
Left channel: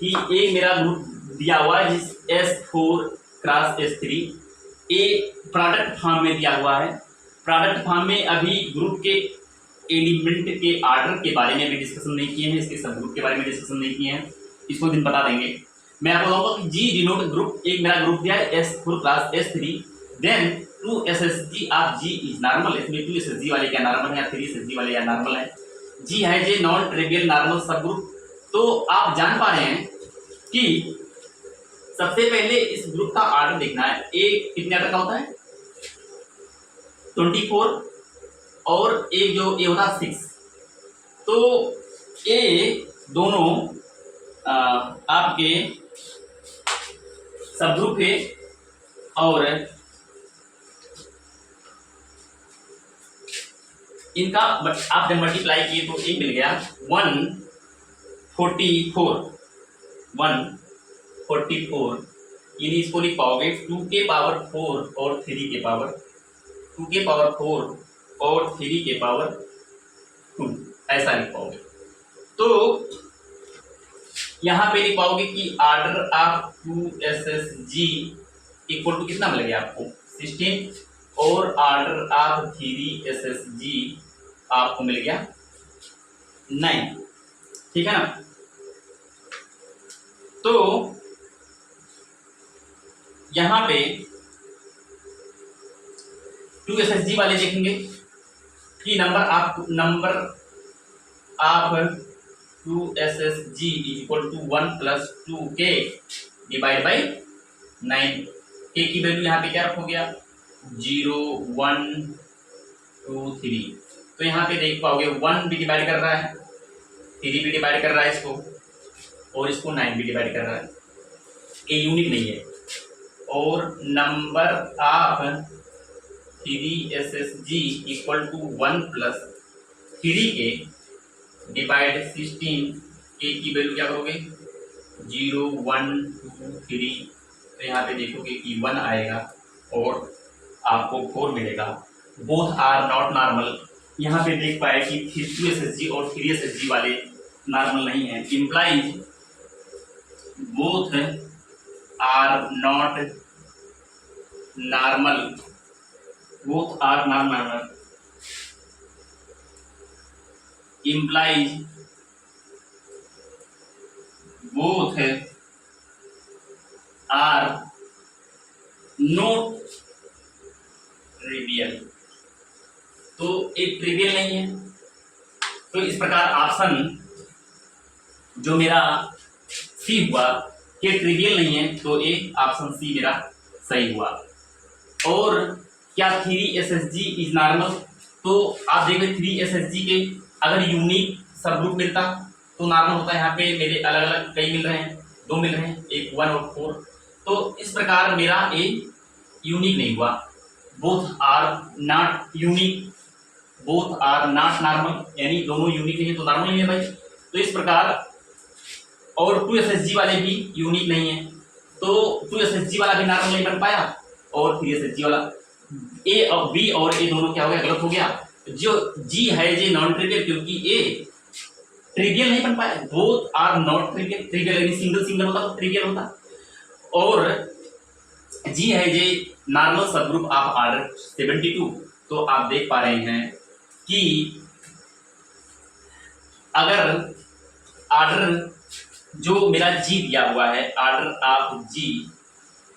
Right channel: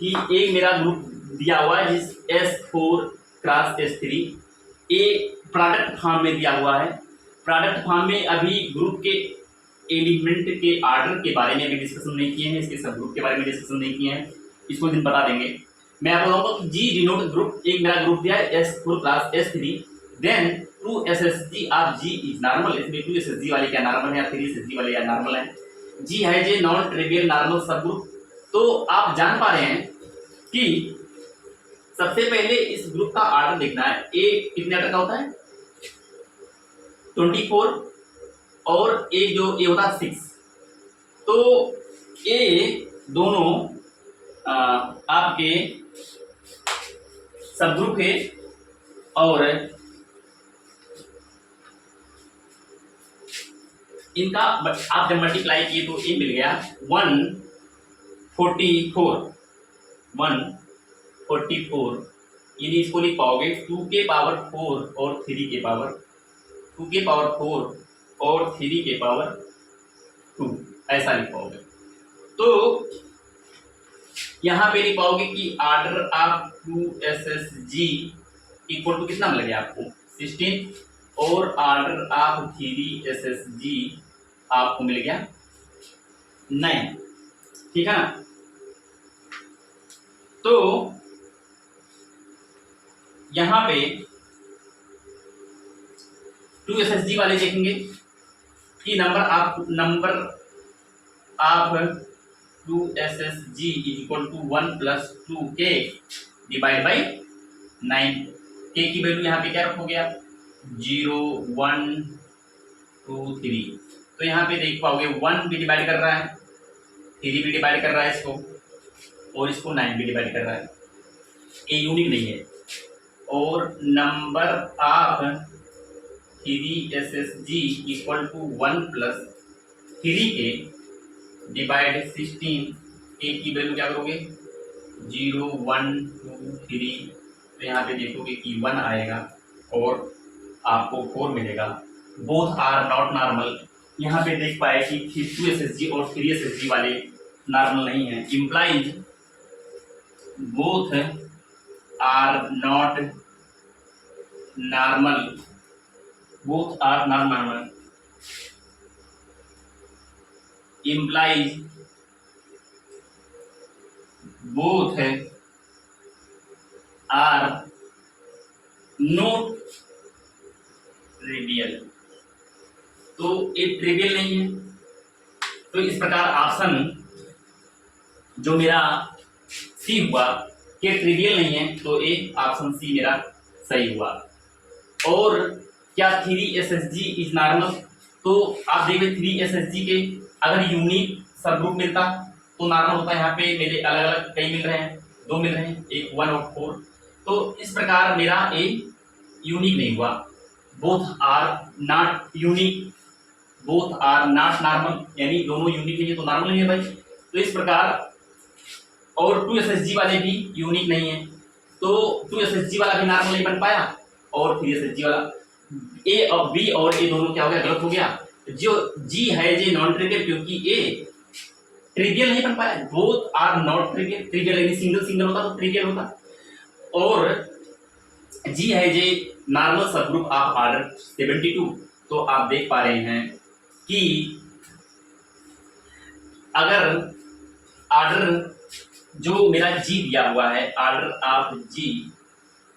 कि एक मेरा ग्रुप दिया हुआ है जिस S4 क्रॉस S3, ए प्रोडक्ट फॉर्म में दिया हुआ है। प्रोडक्ट फॉर्म में अभी ग्रुप के एलिमेंट के ऑर्डर के बारे में भी डिस्कशन नहीं किए हैं, इसके सब ग्रुप के बारे में डिस्कशन नहीं किए हैं, इसको दिन बता देंगे। मैं आपको बताऊंगा कि G डिनोट ग्रुप, एक मेरा ग्रुप दिया है S4 class S3, then 2 SSG of G is normal. इसमें 2 SSG वाले क्या नॉर्मल है, 3 SSG वाले क्या नॉर्मल है। G है जे नॉन ट्रिवियल नॉर्मल सब ग्रुप। तो आप जान पा रहे हैं कि सबसे पहले इस ग्रुप का ऑर्डर देखना है। ए कितने ऑर्डर का होता है, 24, और एक जो ए होता है 6। तो ये दोनों आपके सब ग्रुप है और इनका आप जब मल्टीप्लाई किए तो ये मिल गया 144 यानी इसको लिख पाओगे 2 के पावर 4 और 3 के पावर 2 के पावर 4 और 3 के पावर 2 ऐसा लिख पाओगे। तो यहाँ पे लिख पाओगे कि order of 2SSG equal to कितना मिल गया आपको 16 और ऑर्डर ऑफ 3SSG आपको मिल गया 9। ठीक है ना। तो यहां पे 2SSG वाले देखेंगे कि number of 2SSG equal to 1 + 2k divide by 9। k की वैल्यू यहाँ पे क्या रखोगे आप 0 1 2 3। तो यहाँ पे देख पाओगे 1 भी डिवाइड कर रहा है 3 भी डिवाइड कर रहा है इसको और इसको 9 भी डिवाइड कर रहा है। ये यूनिक नहीं है। और number of 3SSG equal to 1 + 3k divide 16। k की वैल्यू क्या करोगे 0 1 2 3। तो यहाँ पे देखोगे कि 1 आएगा और आपको 4 मिलेगा। Both are not normal. यहाँ पे देख पाए कि 2SSG और 3SSG वाले नॉर्मल नहीं है। Implies both are not normal. Both are not normal implies both are not trivial. तो एक ट्रिवियल नहीं है। तो इस प्रकार ऑप्शन जो मेरा सी हुआ कि ट्रिवियल नहीं है, तो एक ऑप्शन सी मेरा सही हुआ। और क्या 3SSG इज नॉर्मल? तो आप देखिए 3SSG के अगर यूनिक सब ग्रुप मिलता तो नॉर्मल होता है। यहाँ पे मेरे अलग अलग कई मिल रहे हैं, 2 मिल रहे हैं, एक 1 और 4। तो इस प्रकार मेरा ए यूनिक नहीं हुआ। Both are not unique, both are not normal, यानी दोनों यूनिक नहीं है तो नॉर्मल नहीं है भाई। तो इस प्रकार और 2SSG वाले भी यूनिक नहीं है, तो 2SSG वाला भी नॉर्मल नहीं बन पाया और 3SSG वाला ए और बी और ए दोनों क्या हो गया, गलत हो गया। जो जी है जी नॉन ट्रिवियल, क्योंकि ए ट्रिवियल नहीं बन पाया। Both are not trivial, trivial यानी सिंगल सिंगल होता तो ट्रिवियल होता। और जी है जे नॉर्मल सब ग्रुप ऑफ ऑर्डर 72। तो आप देख पा रहे हैं कि अगर ऑर्डर जो मेरा जी दिया हुआ है, ऑर्डर ऑफ जी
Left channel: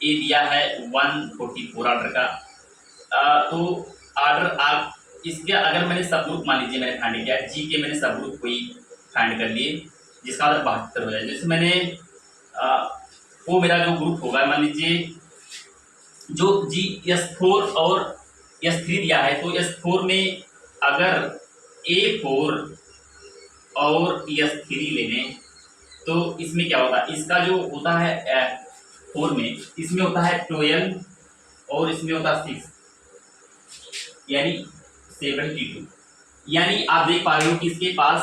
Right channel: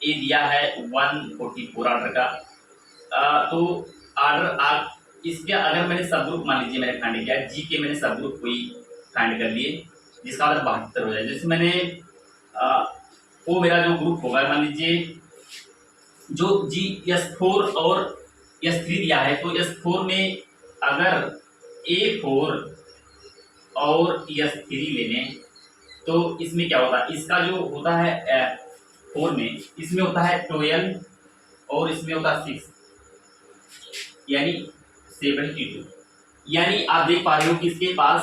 ए दिया है 144 ऑर्डर का, तो ऑर्डर आप इसके अगर मैंने सब ग्रुप मान लीजिए मैंने फाइंड किया जी के, मैंने सब ग्रुप कोई फाइंड कर लिए जिसका ऑर्डर 72 हो जाए। जैसे मैंने वो मेरा जो ग्रुप होगा मान लीजिए जो जी S4 और S3 दिया है, तो S4 में अगर A4 और S3 लेने तो इसमें क्या होता है, इसका जो होता है 4 में इसमें होता है 12 और इसमें होता है 6 यानी 72। यानी आप देख पा रहे हो कि इसके पास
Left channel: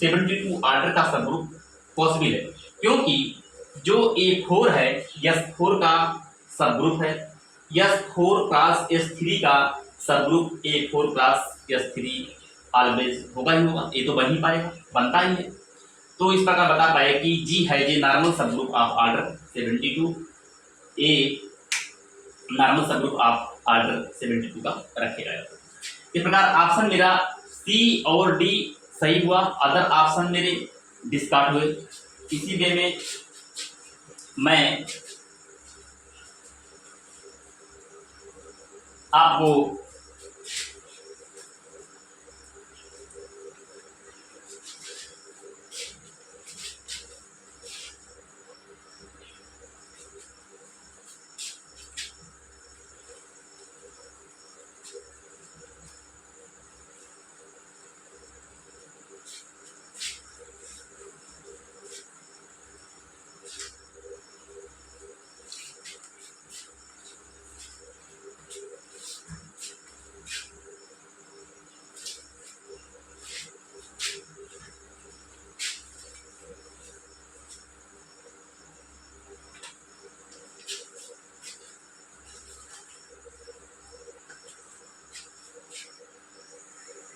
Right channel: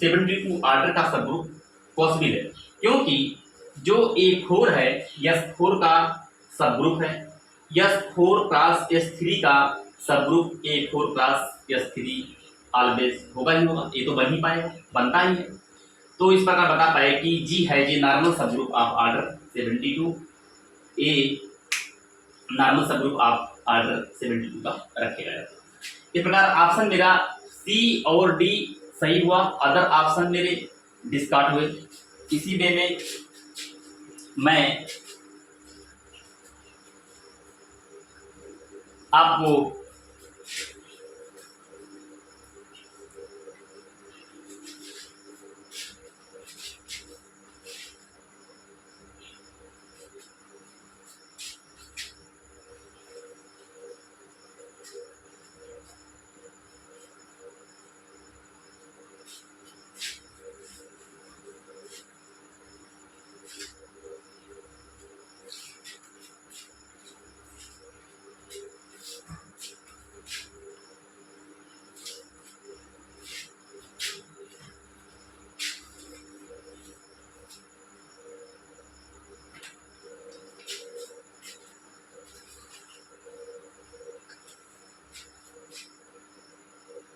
72 ऑर्डर का सब ग्रुप पॉसिबल है, क्योंकि जो A4 है S4 का सब ग्रुप है, S4 + S3 का sub group A4 + S3 always होगा ही होगा। ये तो बन ही पाएगा, बनता ही है। तो इस प्रकार बता पाए कि जी है जी नॉर्मल सब group of order 72, A normal सब ग्रुप ऑफ ऑर्डर 72 का रखेगा। इस प्रकार ऑप्शन मेरा सी और डी सही हुआ, अदर ऑप्शन मेरे डिस्कार्ड हुए। इसी वे में मैं आपको